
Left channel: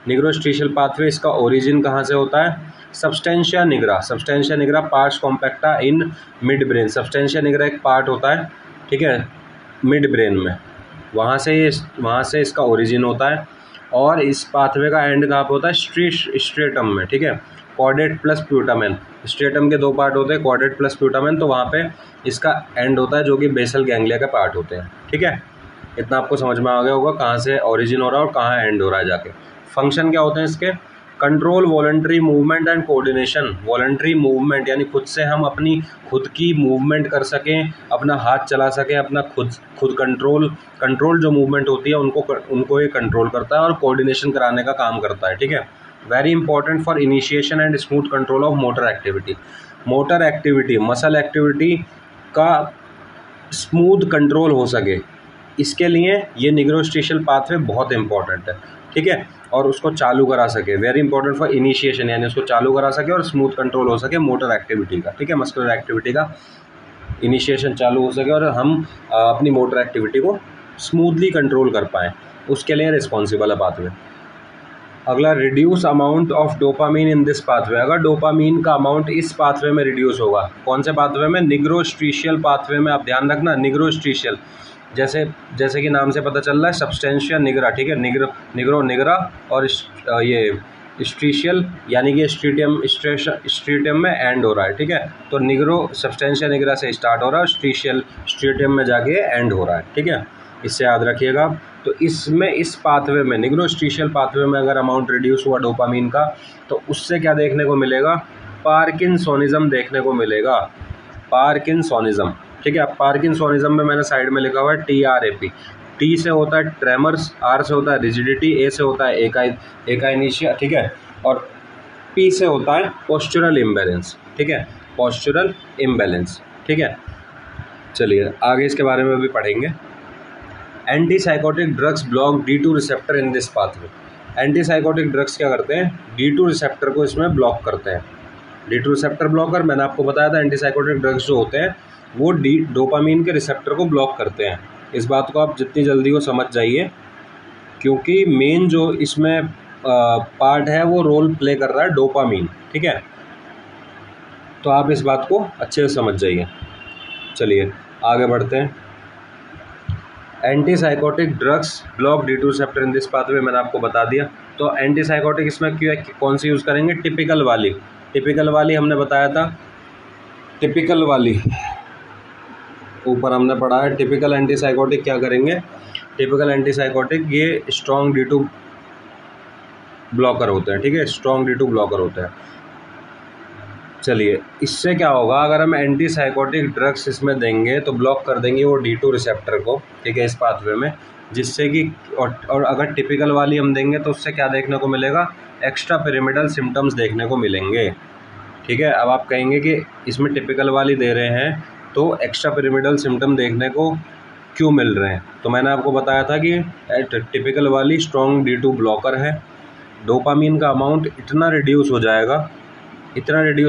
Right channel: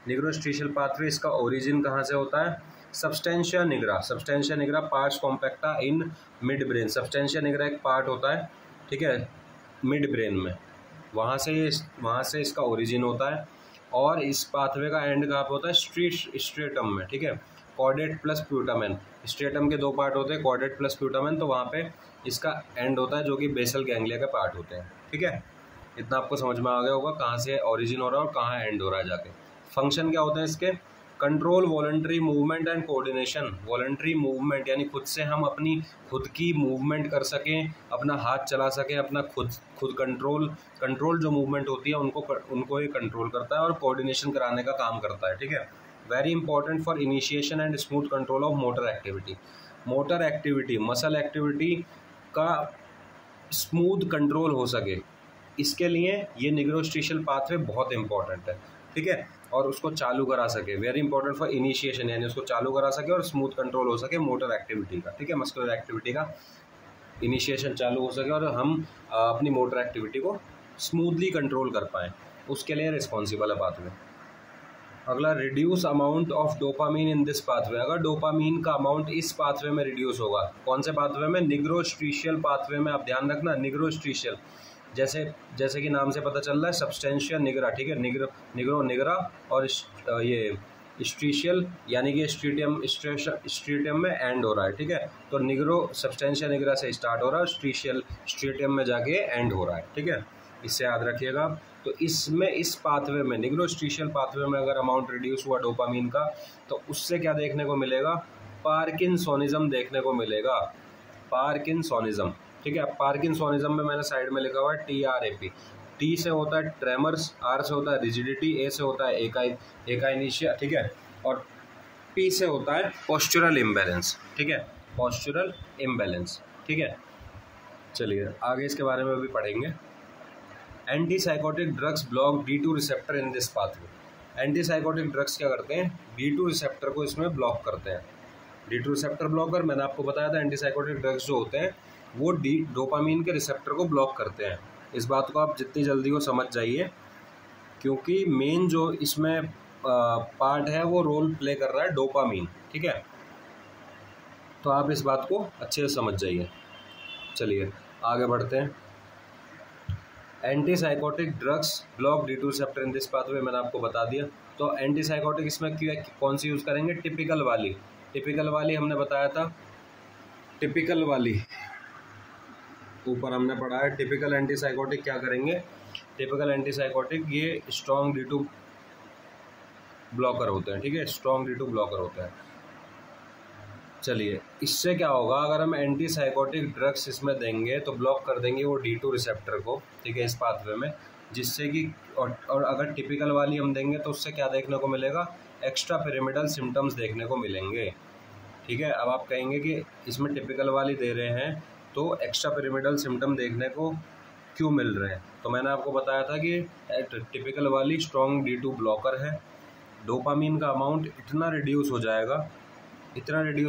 निग्रोस्ट्रीशियल पाथवे, इसका ओरिजिन कहाँ से होता है, substantia nigra parts compacta in mid brain. Substantia nigra एक पार्ट होता है, ठीक है, मिड ब्रेन में, वहाँ से इसका ओरिजिन होता है। और इस पाथवे का एंड कहाँ पे होता है, स्ट्रेटम में। ठीक है, कॉर्डेट प्लस प्यूटामेन, स्ट्रेटम के दो पार्ट होते हैं, कॉर्डेट प्लस प्यूटामेन, तो वहाँ पे इसका एंड होता है जो कि बेसल गैंग्लिया के पार्ट होते हैं। ठीक है, इतना आपको समझ में आ गया होगा कहाँ से ओरिजिन हो रहा है और कहाँ एंड हो रहा है जाके। फंक्शन क्या होते हैं इसके, control voluntary movement and coordination. Voluntary movement यानी खुद से हम अपनी खुद की मूवमेंट कर सकें, अपना हाथ चला सकें, अपना खुद कंट्रोल जो मूवमेंट होती है उनको ये कंट्रोल करता है, और कोऑर्डिनेशन कराने का काम करता है। ठीक है, very important for initiation and smooth control of motor activity. Motor activity, muscle activity का स्मूथ कंट्रोल हो सके, इसके लिए ये निग्रोस्ट्रीशियल पाथवे बहुत इंपॉर्टेंट है। ठीक है, और उसको चालू करा सके, वेरी इंपॉर्टेंट फॉर इनिशिएशन, यानी उसको चालू करा सके और स्मूथ कंट्रोल हो सके मोटर एक्टिविटी का। ठीक है, मस्कुलर एक्टिविटी का इनिशिएशन चालू हो सके और हम अपनी मोटर एक्टिविटी को स्मूथली कंट्रोल कर पाएँ, उसके लिए रिस्पॉन्सिबल है पाथवे। अगला, reduce amount of dopamine in this pathway. अगर डोपामीन का अमाउंट इस पाथवे में रिड्यूस होगा, कौन से पाथवे में, निग्रोस्ट्रीशियल पाथवे में। आप ध्यान रखना, निग्रोस्ट्रीशियल जैसे कि नाम से पता चल रहा है, सब्सटेंशिया निग्रा। ठीक है, निग्रा और ये स्ट्रीशियल यानी कि स्ट्रीटियम में एंड हो रहा है। ठीक है, तो निग्रो सब्सटेंशिया निग्रा से स्टार्ट हो रहा है, स्ट्रीटियम में जाके एंड हो रहा है। ठीक है, इससे याद रखिएगा। तो इसमें इस पाथवे में, निग्रोस्ट्रीशियल पाथवे में अगर अमाउंट रिड्यूस हुआ डोपामीन का, तो उससे क्या देखने को मिलेगा, पार्किंसोनिज्म देखने को मिलेगा, पार्किंसोनिज्म। ठीक है, पार्किंसोनिज्म में मैंने साइड में लिखा हुआ है TRAP, टी से होता है ट्रेमर्स, आर से होता है रिजिडिटी, ए से होता है एकाइनेशिया, ठीक है, और पी से होता है पोस्चरल इम्बैलेंस, ठीक है, पोस्चरल इम्बैलेंस, ठीक है। चलिए आगे इसके बारे में भी पढ़ेंगे। Antipsychotic drugs block D2 receptor in this pathway. Antipsychotic drugs क्या करते हैं, D2 रिसेप्टर को इसमें ब्लॉक करते हैं। D2 रिसेप्टर ब्लॉकर, मैंने आपको बताया था एंटीसाइकोटिक ड्रग्स जो होते हैं वो डोपामीन के रिसेप्टर को ब्लॉक करते हैं। इस बात को आप जितनी जल्दी हो समझ जाइए, क्योंकि मेन जो इसमें पार्ट है वो रोल प्ले कर रहा है डोपामीन, ठीक है, तो आप इस बात को अच्छे से समझ जाइए। चलिए आगे बढ़ते हैं। Antipsychotic drugs block D2 receptor in this pathway, मैंने आपको बता दिया। तो एंटीसाइकोटिक इसमें क्यों कौन सी यूज़ करेंगे, टिपिकल वाली हमने बताया था, टिपिकल वाली ऊपर हमने पढ़ा है। टिपिकल एंटीसाइकोटिक क्या करेंगे, टिपिकल एंटीसाइकोटिक ये स्ट्रॉन्ग D2 ब्लॉकर होते हैं, ठीक है, स्ट्रॉन्ग D2 ब्लॉकर होते हैं। चलिए इससे क्या होगा, अगर हम एंटीसाइकोटिक ड्रग्स इसमें देंगे तो ब्लॉक कर देंगे वो D2 रिसेप्टर को, ठीक है, इस पाथवे में, जिससे कि और अगर टिपिकल वाली हम देंगे तो उससे क्या देखने को मिलेगा, एक्स्ट्रा पिरामिडल सिम्टम्स देखने को मिलेंगे, ठीक है। अब आप कहेंगे कि इसमें टिपिकल वाली दे रहे हैं तो एक्स्ट्रा पिरामिडल सिम्टम देखने को क्यों मिल रहे हैं, तो मैंने आपको बताया था कि टिपिकल वाली स्ट्रॉन्ग D2 ब्लॉकर है, डोपामीन का अमाउंट इतना रिड्यूस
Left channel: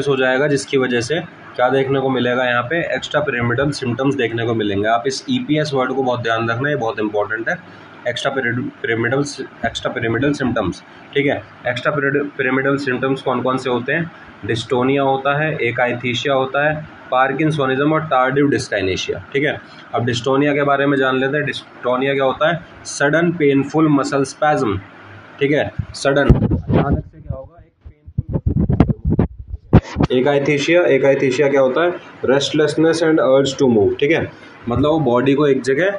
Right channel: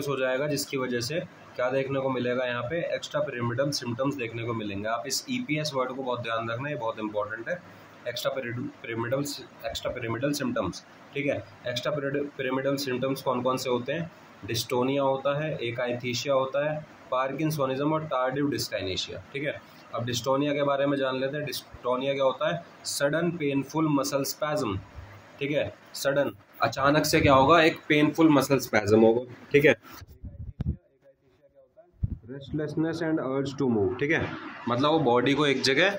हो जाएगा जिसकी वजह से क्या देखने को मिलेगा, यहाँ पे एक्स्ट्रा पिरामिडल सिम्टम्स देखने को मिलेंगे। आप इस EPS वर्ड को बहुत ध्यान रखना, ये बहुत इंपॉर्टेंट है, एक्स्ट्रा पिरामिडल सिम्टम्स, ठीक है। एक्स्ट्रा पिरामिडल सिम्टम्स कौन कौन से होते हैं, डिस्टोनिया होता है, एकाइथीशिया होता है, पार्किंसोनिज्म और टार्डिव डिस्काइनेशिया, ठीक है। अब डिस्टोनिया के बारे में जान लेते हैं। डिस्टोनिया क्या होता है, सडन पेनफुल मसल स्पैज्म, ठीक है, सडन अचानक से क्या होगा, एक पेनफुल मसल स्पैज्म होगा, ठीक है। एकाइथीशिया क्या होता है, restlessness and urge to move, ठीक है, मतलब वो बॉडी को एक जगह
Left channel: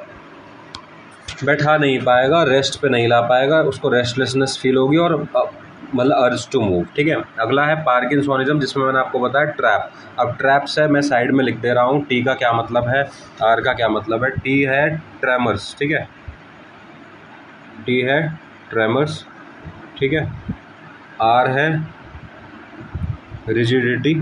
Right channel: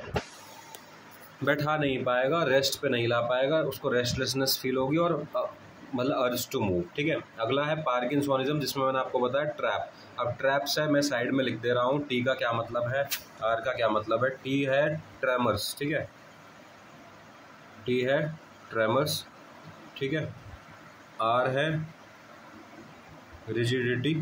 बैठा नहीं पाएगा, रेस्ट पे नहीं ला पाएगा, उसको रेस्टलेसनेस फील होगी और मतलब अर्ज टू मूव, ठीक है। अगला है पार्किंसोनिज्म, जिसमें मैंने आपको बताया ट्रैप। अब ट्रैप्स है, मैं साइड में लिख दे रहा हूँ, टी का क्या मतलब है, आर का क्या मतलब है। टी है ट्रेमर्स, ठीक है, टी है ट्रेमर्स, ठीक है, आर है रिजिडिटी,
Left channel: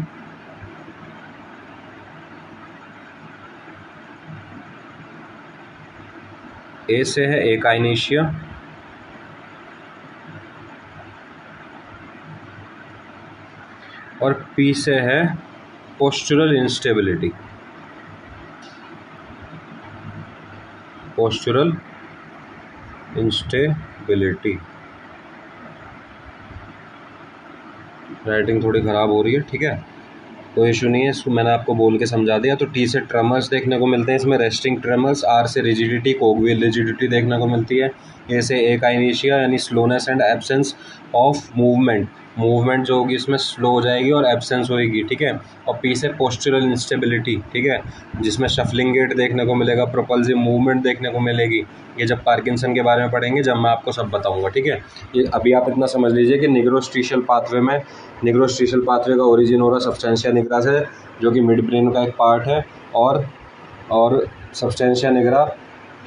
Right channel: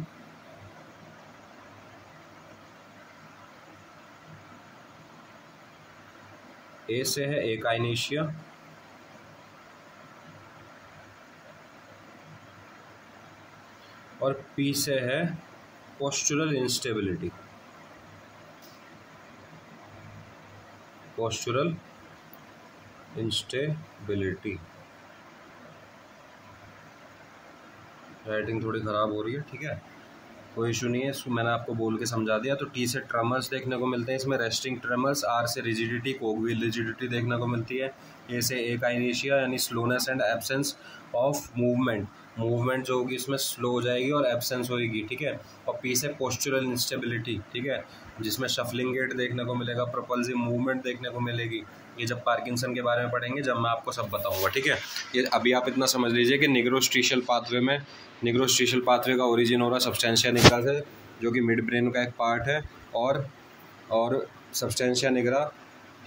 ए से है एकाइनेशिया, और पी से है postural instability, postural instability. Writing थोड़ी ख़राब हो रही है, ठीक है, कोई इशू नहीं है, इसको मैंने आपको बोल के समझा दिया। तो टी से ट्रेमर्स देखने को मिलते हैं इसमें, रेस्टिंग ट्रेमर्स। आर से रिजिडिटी, कोगविल रिजिडिटी देखने को मिलती है। ए से एकाइनेशिया यानी slowness and absence of movement जो होगी इसमें स्लो हो जाएगी और एब्सेंस होएगी, ठीक है। और पी से पोस्चरल इंस्टेबिलिटी, ठीक है, जिसमें शफलिंग गेट देखने को मिलेगा, प्रोपल्सिव मूवमेंट देखने को मिलेगी। ये जब पार्किंसन के बारे में पढ़ेंगे, जब मैं आपको सब बताऊंगा, ठीक है। ये अभी आप इतना समझ लीजिए कि निग्रोस्ट्रीशियल पाथवे का ओरिजिन हो रहा सब्सटेंशिया निग्रा से, जो कि मिड ब्रेन का एक पार्ट है, और सब्सटेंशिया निग्रा,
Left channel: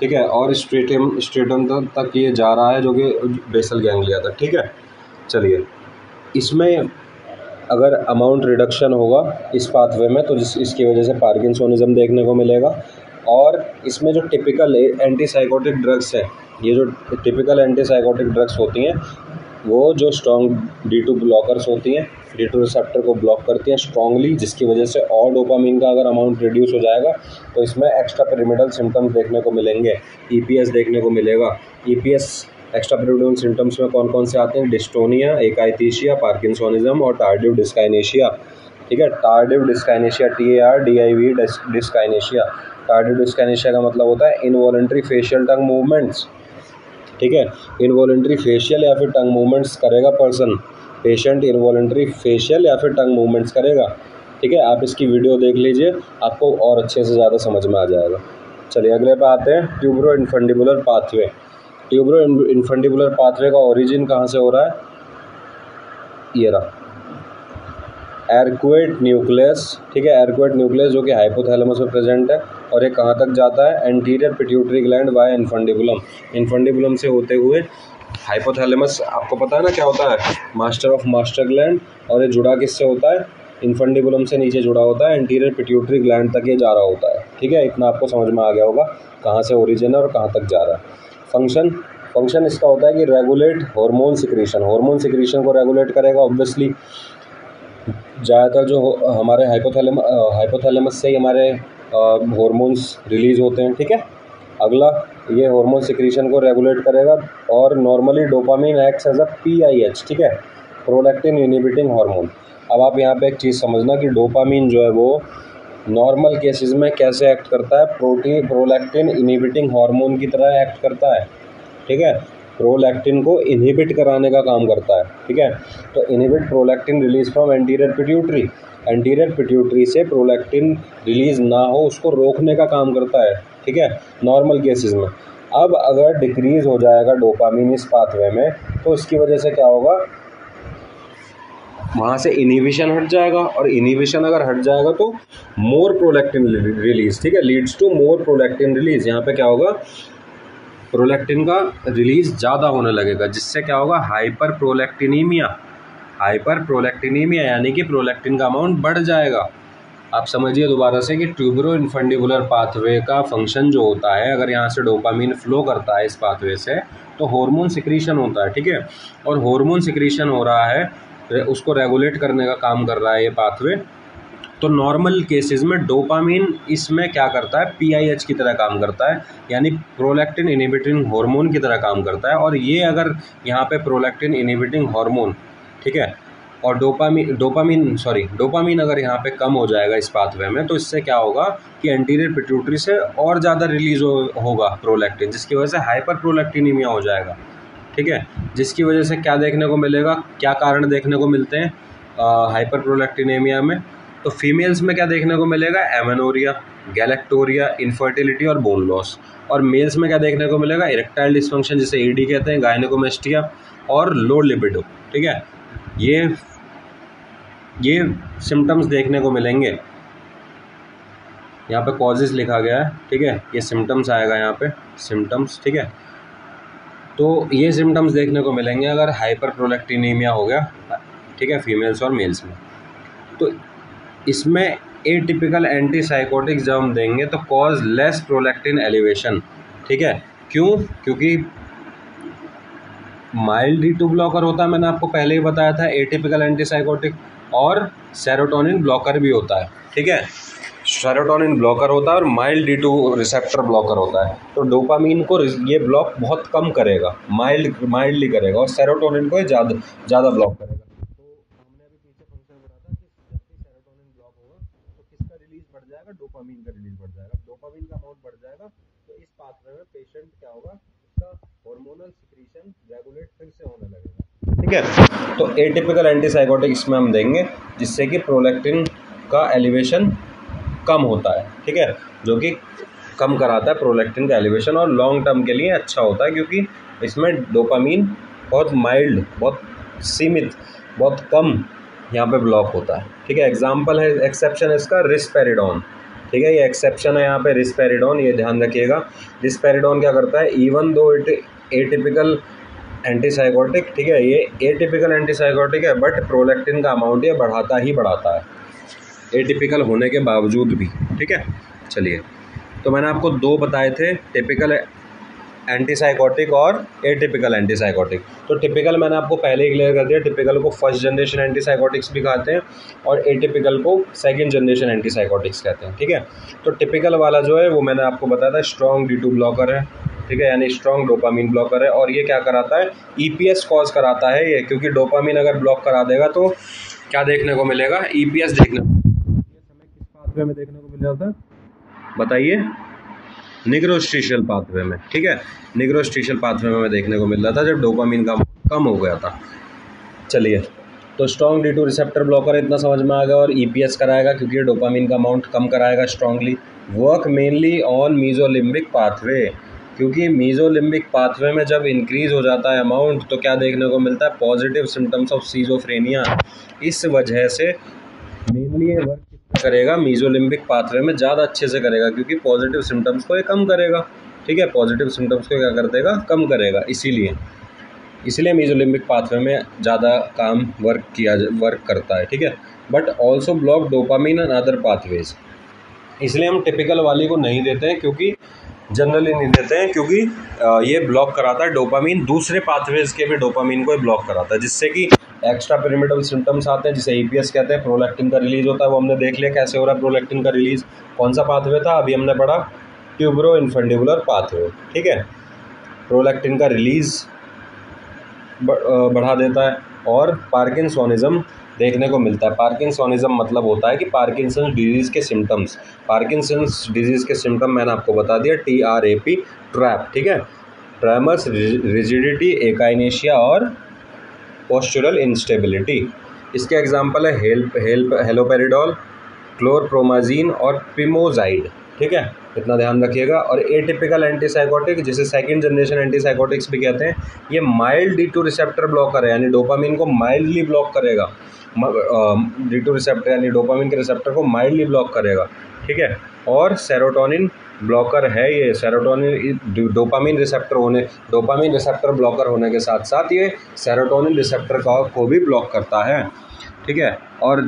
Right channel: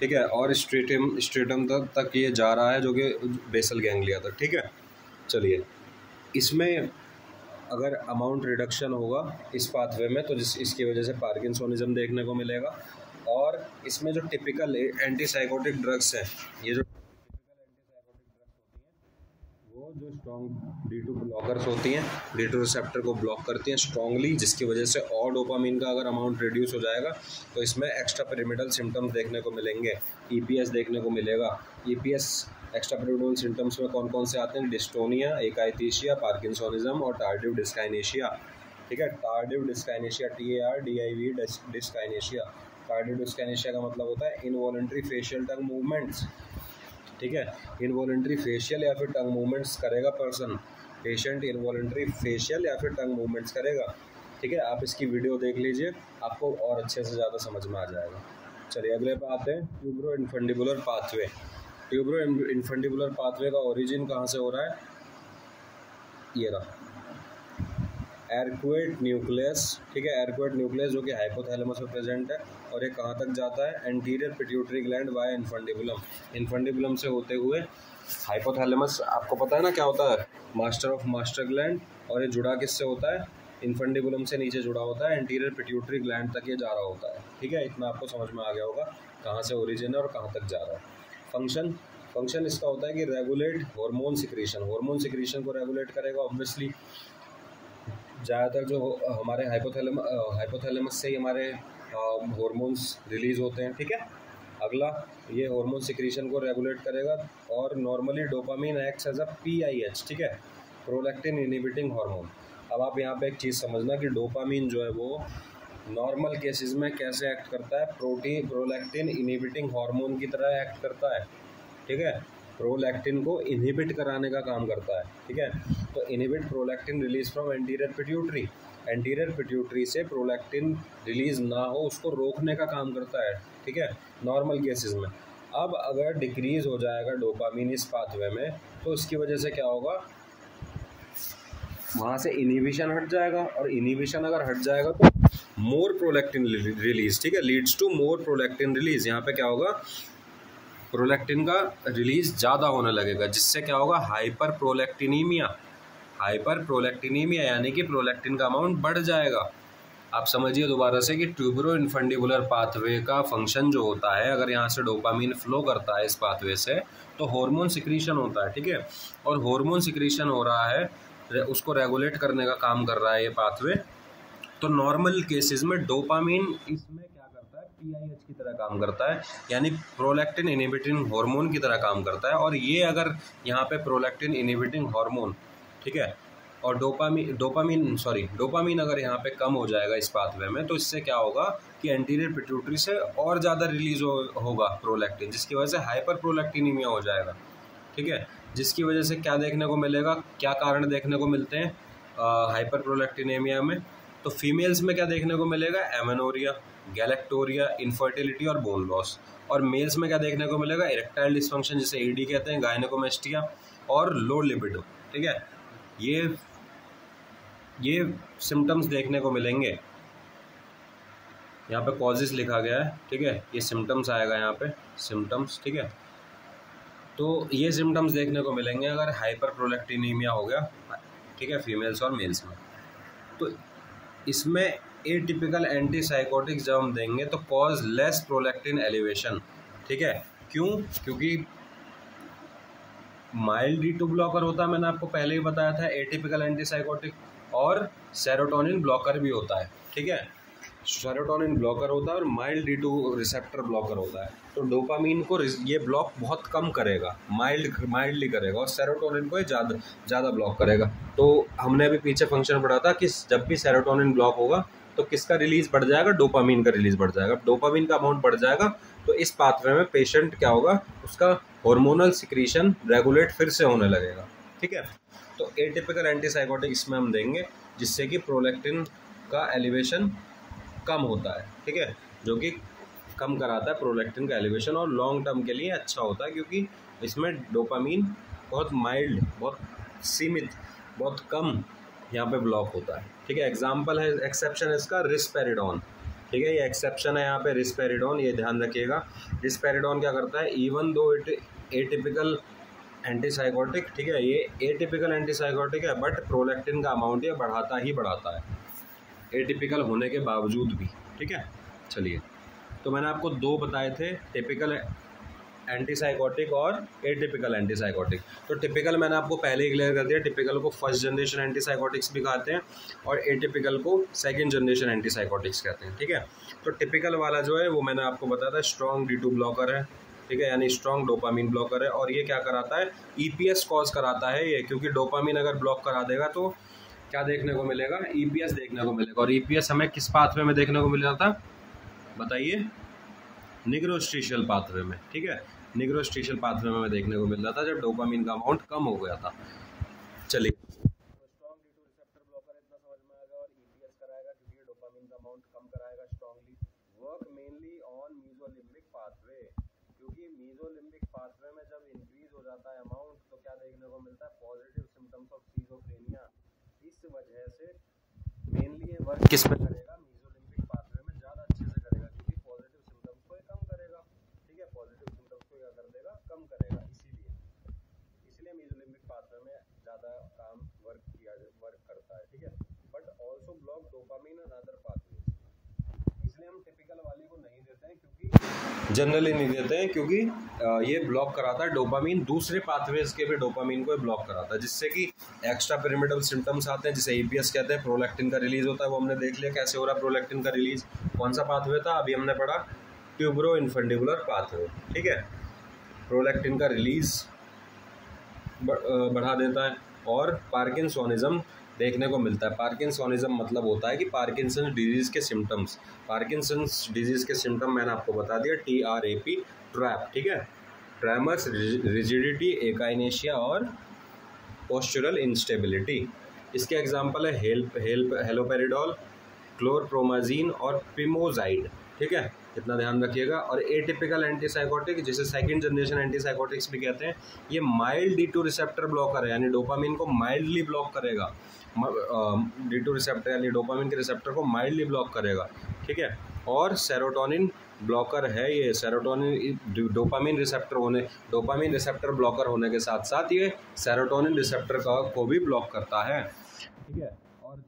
ठीक है, और स्ट्रेटम तक ये जा रहा है, जो कि बेसल गैंग्लिया तक, ठीक है। चलिए इसमें अगर अमाउंट रिडक्शन होगा इस पाथवे में तो इसकी वजह से पार्किंसोनिज्म देखने को मिलेगा। और इसमें जो टिपिकल एंटीसाइकोटिक ड्रग्स है, ये जो टिपिकल एंटीसाइकोटिक ड्रग्स होती हैं वो जो स्ट्रॉन्ग D2 ब्लॉकर्स होती हैं, D2 रिसेप्टर को ब्लॉक करती हैं स्ट्रॉन्गली, जिसकी वजह से और डोपामीन का अगर अमाउंट रिड्यूस हो जाएगा तो इसमें एक्स्ट्रा पिरामिडल सिम्टम्स देखने को मिलेंगे, EPS देखने को मिलेगा। EPS एक्स्ट्रा पिरामिडल सिम्टम्स में कौन कौन से आते हैं, डिस्टोनिया, एकाइथीशिया, पार्किंसोनिज्म और टार्डिव डिस्काइनेशिया, ठीक है। Tardive dyskinesia, TARDIV dyskinesia. Tardive dyskinesia का मतलब होता है इनवॉलंटरी फेशियल टंग मूवमेंट्स, ठीक है। इनवॉलंटरी फेशियल या फिर टंग मूवमेंट्स करेगा पर्सन, पेशेंट इनवॉलंटरी फेशियल या फिर टंग मूवमेंट्स करेगा, ठीक है। आप इसकी वीडियो देख लीजिए, आपको और अच्छे से ज़्यादा समझ में आ जाएगा। चलिए अगले पे आते हैं, ट्यूबरो इन्फंडिबुलर पाथवे। ट्यूबरो इन्फंडिबुलर पाथवे का ओरिजिन कहाँ से हो रहा है, ये रहा, एरक्वेट न्यूक्लियस, ठीक है, एरक्वेट न्यूक्लियस जो कि हाइपोथैलेमस में प्रेजेंट है। और ये कहाँ तक जाता है, anterior pituitary gland via infundibulum, infundibulum से होते हुए हाइपोथैलेमस, आपको पता है ना क्या होता है, मास्टर ऑफ मास्टर ग्लैंड, और ये जुड़ा किससे होता है, इन्फंडिबुलम से नीचे जुड़ा होता है, एंटीरियर पिट्यूटरी ग्लैंड तक ये जा रहा होता है। ठीक है, इतना आपको समझ में आ गया होगा कहाँ से ओरिजिन है और कहाँ तक जा रहा है। फंक्शन इसका होता है कि regulate hormone secretion, hormone secretion को रेगुलेट करेगा। ऑब्वियसली ज़्यादातर जो हमारे हाइपोथैलेमस से ही हमारे हार्मोन्स रिलीज़ होते हैं। ठीक है, अगला ये हार्मोन सिक्रीशन को रेगुलेट करेगा। और normally dopamine acts as a PIH, ठीक है, प्रोलैक्टिन इनहिबिटिंग हार्मोन। अब आप यहाँ पे एक चीज़ समझना कि डोपामिन जो है वो नॉर्मल केसेस में कैसे एक्ट करता है, प्रोलैक्टिन इनहिबिटिंग हार्मोन की तरह एक्ट करता है। ठीक है, प्रोलैक्टिन को इनहिबिट कराने का काम करता है। ठीक है, तो inhibit prolactin release from anterior pituitary, anterior pituitary से प्रोलैक्टिन रिलीज ना हो उसको रोकने का काम करता है। ठीक है, नॉर्मल केसेस में। अब अगर डिक्रीज हो जाएगा डोपामिन इस पाथवे में तो इसकी वजह से क्या होगा, वहाँ से इनहिबिशन हट जाएगा, और इनहिबिशन अगर हट जाएगा तो मोर प्रोलैक्टिन रिलीज, ठीक है, leads to more prolactin release. यहाँ पे क्या होगा, प्रोलैक्टिन का रिलीज ज़्यादा होने लगेगा, जिससे क्या होगा, हाइपर प्रोलैक्टिनीमिया, यानी कि प्रोलैक्टिन का अमाउंट बढ़ जाएगा। आप समझिए दोबारा से कि ट्यूबरो इन्फंडिबुलर पाथवे का फंक्शन जो होता है, अगर यहाँ से डोपामिन फ्लो करता है इस पाथवे से तो हार्मोन सिक्रीशन होता है। ठीक है, और हार्मोन सिक्रीशन हो रहा है, उसको रेगुलेट करने का काम कर रहा है ये पाथवे। तो नॉर्मल केसेस में डोपामिन इसमें क्या करता है, PIH की तरह काम करता है, यानी प्रोलैक्टिन इनहिबिटिंग हार्मोन की तरह काम करता है। और ये अगर यहाँ पे प्रोलैक्टिन इनहिबिटिंग हार्मोन, ठीक है, और डोपामिन अगर यहाँ पे कम हो जाएगा इस पाथवे में, तो इससे क्या होगा कि एंटीरियर पिट्यूटरी से और ज़्यादा रिलीज होगा प्रोलैक्टिन, जिसकी वजह से हाइपर प्रोलैक्टिनीमिया हो जाएगा। ठीक है, जिसकी वजह से क्या देखने को मिलेगा, क्या कारण देखने को मिलते हैं हाइपर प्रोलैक्टिनीमिया में, तो फीमेल्स में क्या देखने को मिलेगा, एमेनोरिया, गैलेक्टोरिया, इनफर्टिलिटी और बोन लॉस। और मेल्स में क्या देखने को मिलेगा, इरेक्टाइल डिस्फंक्शन जिसे ED कहते हैं, गायनेकोमेस्टिया और लो लिबिडो। ठीक है, ये सिम्टम्स देखने को मिलेंगे। यहाँ पे कॉजेज लिखा गया है, ठीक है, ये सिम्टम्स आएगा यहाँ पे, सिम्टम्स। ठीक है, तो ये सिम्टम्स देखने को मिलेंगे अगर हाइपर प्रोलैक्टिनीमिया हो गया, ठीक है, फीमेल्स और मेल्स में। तो इसमें एटिपिकल एंटीसाइकोटिक्स जब हम देंगे तो कॉज लेस प्रोलैक्टिन एलिवेशन। ठीक है, क्योंकि माइल्ड D2 ब्लॉकर होता है, मैंने आपको पहले ही बताया था, एटिपिकल एंटीसाइकोटिक, और सेरोटोनिन ब्लॉकर भी होता है। ठीक है, सेरोटोनिन ब्लॉकर होता है और माइल्ड D2 रिसेप्टर ब्लॉकर होता है। तो डोपामिन को ये ब्लॉक बहुत कम करेगा, माइल्डली करेगा, और सेरोटोनिन को ये ज़्यादा ब्लॉक करेगा। तो हमने अभी पीछे फंक्शन पढ़ा था कि जब भी सेरोटोनिन ब्लॉक होगा तो किसका रिलीज बढ़ जाएगा, डोपामिन का रिलीज बढ़ जाएगा। डोपामिन का अमाउंट बढ़ जाएगा तो इस पाथवे में पेशेंट क्या होगा, उसका हार्मोनल सिक्रीशन रेगुलेट फिर से होने लगेगा। ठीक है, तो एटिपिकल एंटीसाइकोटिक इसमें हम देंगे जिससे कि प्रोलैक्टिन का एलिवेशन कम होता है। ठीक है, जो कि कम कराता है प्रोलैक्टिन का एलिवेशन, और लॉन्ग टर्म के लिए अच्छा होता है क्योंकि इसमें डोपामिन बहुत माइल्ड, बहुत सीमित, बहुत कम यहाँ पे ब्लॉक होता है। ठीक है, एग्जाम्पल है, एक्सेप्शन है इसका रिस्पेरिडोन। ठीक है, ये एक्सेप्शन है यहाँ पे रिस्पेरिडोन, ये ध्यान रखिएगा। रिस्पेरिडोन क्या करता है, even though it atypical antipsychotic, ठीक है, ये एटिपिकल एंटीसाइकोटिक है, बट प्रोलैक्टिन का अमाउंट ये बढ़ाता है एटिपिकल होने के बावजूद भी। ठीक है, चलिए, तो मैंने आपको दो बताए थे, टिपिकल एंटीसाइकोटिक और एटिपिकल एंटीसाइकोटिक। तो टिपिकल मैंने आपको पहले ही क्लियर कर दिया, टिपिकल को फर्स्ट जनरेशन एंटीसाइकोटिक्स भी कहते हैं और एटिपिकल को सेकंड जनरेशन एंटीसाइकोटिक्स कहते हैं। ठीक है, तो टिपिकल वाला जो है वो मैंने आपको बताया था स्ट्रॉन्ग D2 ब्लॉकर है। ठीक है, यानी स्ट्रॉन्ग डोपामिन ब्लॉकर है, और ये क्या कराता है, EPS कॉज कराता है ये, क्योंकि डोपामिन अगर ब्लॉक करा देगा तो क्या देखने को मिलेगा, EPS देखने को मिलेगा। और EPS हमें किस पाथवे में देखने को मिल रहा था, बताइए, निग्रोस्ट्रीशियल पाथवे में। ठीक है, निग्रोस्ट्रीशियल पाथवे में देखने को मिल रहा था जब डोपामिन का अमाउंट कम हो गया था। चलिए, तो स्ट्रॉन्ग D2 रिसेप्टर ब्लॉकर इतना समझ में आ गया, और EPS कराएगा क्योंकि ये डोपामिन का अमाउंट कम कराएगा strongly. Work mainly on mesolimbic pathway, क्योंकि मीजोलिम्बिक पाथवे में जब इंक्रीज हो जाता है अमाउंट तो क्या देखने को मिलता है, पॉजिटिव सिम्टम्स ऑफ सीजोफ्रेनिया। इस वजह से मेनली ये वर्क किस में करेगा, मीजोलिम्बिक पाथवे में ज़्यादा अच्छे से करेगा, क्योंकि पॉजिटिव सिम्टम्स को ये कम करेगा। ठीक है, पॉजिटिव सिम्टम्स को क्या कर देगा, कम करेगा। इसीलिए मीजोलिम्बिक पाथवे में ज़्यादा काम वर्क करता है। ठीक है, but also block dopamine and other pathways. इसलिए हम टिपिकल वाली को नहीं देते हैं, क्योंकि जनरली नहीं देते हैं, क्योंकि ये ब्लॉक कराता है डोपामीन, दूसरे पाथवेज के भी डोपामीन को ब्लॉक कराता है, जिससे कि एक्स्ट्रा पिरामिडल सिम्टम्स आते हैं, जिसे EPS कहते हैं। प्रोलैक्टिन का रिलीज होता है, वो हमने देख लिया कैसे हो रहा है प्रोलैक्टिन का रिलीज। कौन सा पाथवे था, अभी हमने पढ़ा ट्यूबरो इन्फेंडिबुलर पाथवे। ठीक है, प्रोलैक्टिन का रिलीज बढ़ा देता है, और पार्किंसोनिज्म देखने को मिलता है। पार्किंसोनिज्म मतलब होता है कि पार्किंसंस डिजीज़ के सिम्टम्स, पार्किंसंस डिजीज़ के सिम्टम मैंने आपको बता दिया, TRAP, ट्रैप। ठीक है, ट्रेमर्स, रिजिडिटी, एकाइनेशिया और पोस्चरल इंस्टेबिलिटी। इसके एग्जांपल है हेलोपेरिडोल, क्लोरप्रोमाजीन और पिमोजाइड। ठीक है, इतना ध्यान रखिएगा। और एटिपिकल एंटीसाइकोटिक, जिसे सेकंड जनरेशन एंटीसाइकोटिक्स भी कहते हैं, ये माइल्ड D2 रिसेप्टर ब्लॉकर है, यानी डोपामीन को माइल्डली ब्लॉक करेगा। D2 रिसेप्टर यानी डोपामीन के रिसेप्टर को माइल्डली ब्लॉक करेगा। ठीक है, और सेरोटोनिन ब्लॉकर है ये। सेरोटोनिन डोपामीन रिसेप्टर ब्लॉकर होने के साथ साथ ये सेरोटोनिन रिसेप्टर को भी ब्लॉक करता है। ठीक है, और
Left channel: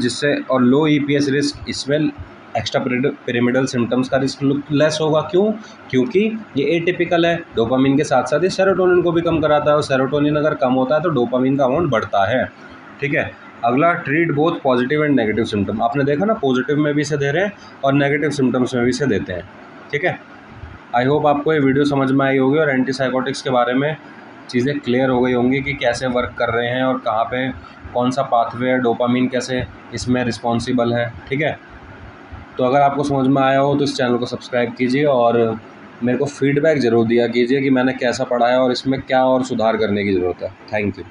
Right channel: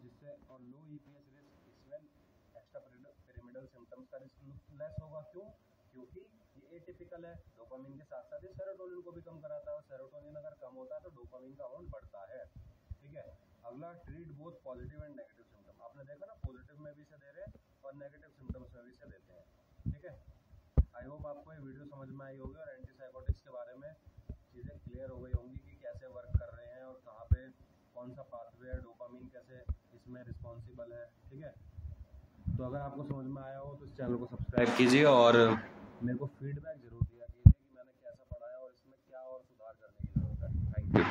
लो EPS रिस्क, इसमें एक्स्ट्रा पिरामिडल सिम्टम्स का रिस्क लेस होगा। क्यों? क्योंकि ये एटिपिकल है, डोपामीन के साथ साथ ये सेरोटोनिन को भी कम कराता है, और सेरोटोनिन अगर कम होता है तो डोपामीन का अमाउंट बढ़ता है। ठीक है, अगला treat both positive and negative symptom. आपने देखा ना, पॉजिटिव में भी इसे दे रहे हैं और नेगेटिव सिम्टम्स में भी इसे देते हैं। ठीक है, आई होप आपको ये वीडियो समझ में आई होगी और एंटीसाइकोटिक्स के बारे में चीज़ें क्लियर हो गई होंगी कि कैसे वर्क कर रहे हैं और कहाँ पे कौन सा पाथवे है, डोपामीन कैसे इसमें रिस्पॉन्सिबल है। ठीक है, तो अगर आपको समझ में आया हो तो इस चैनल को सब्सक्राइब कीजिए और मेरे को फीडबैक ज़रूर दिया कीजिए कि मैंने कैसा पढ़ाया और इसमें क्या और सुधार करने की ज़रूरत है। Thank you.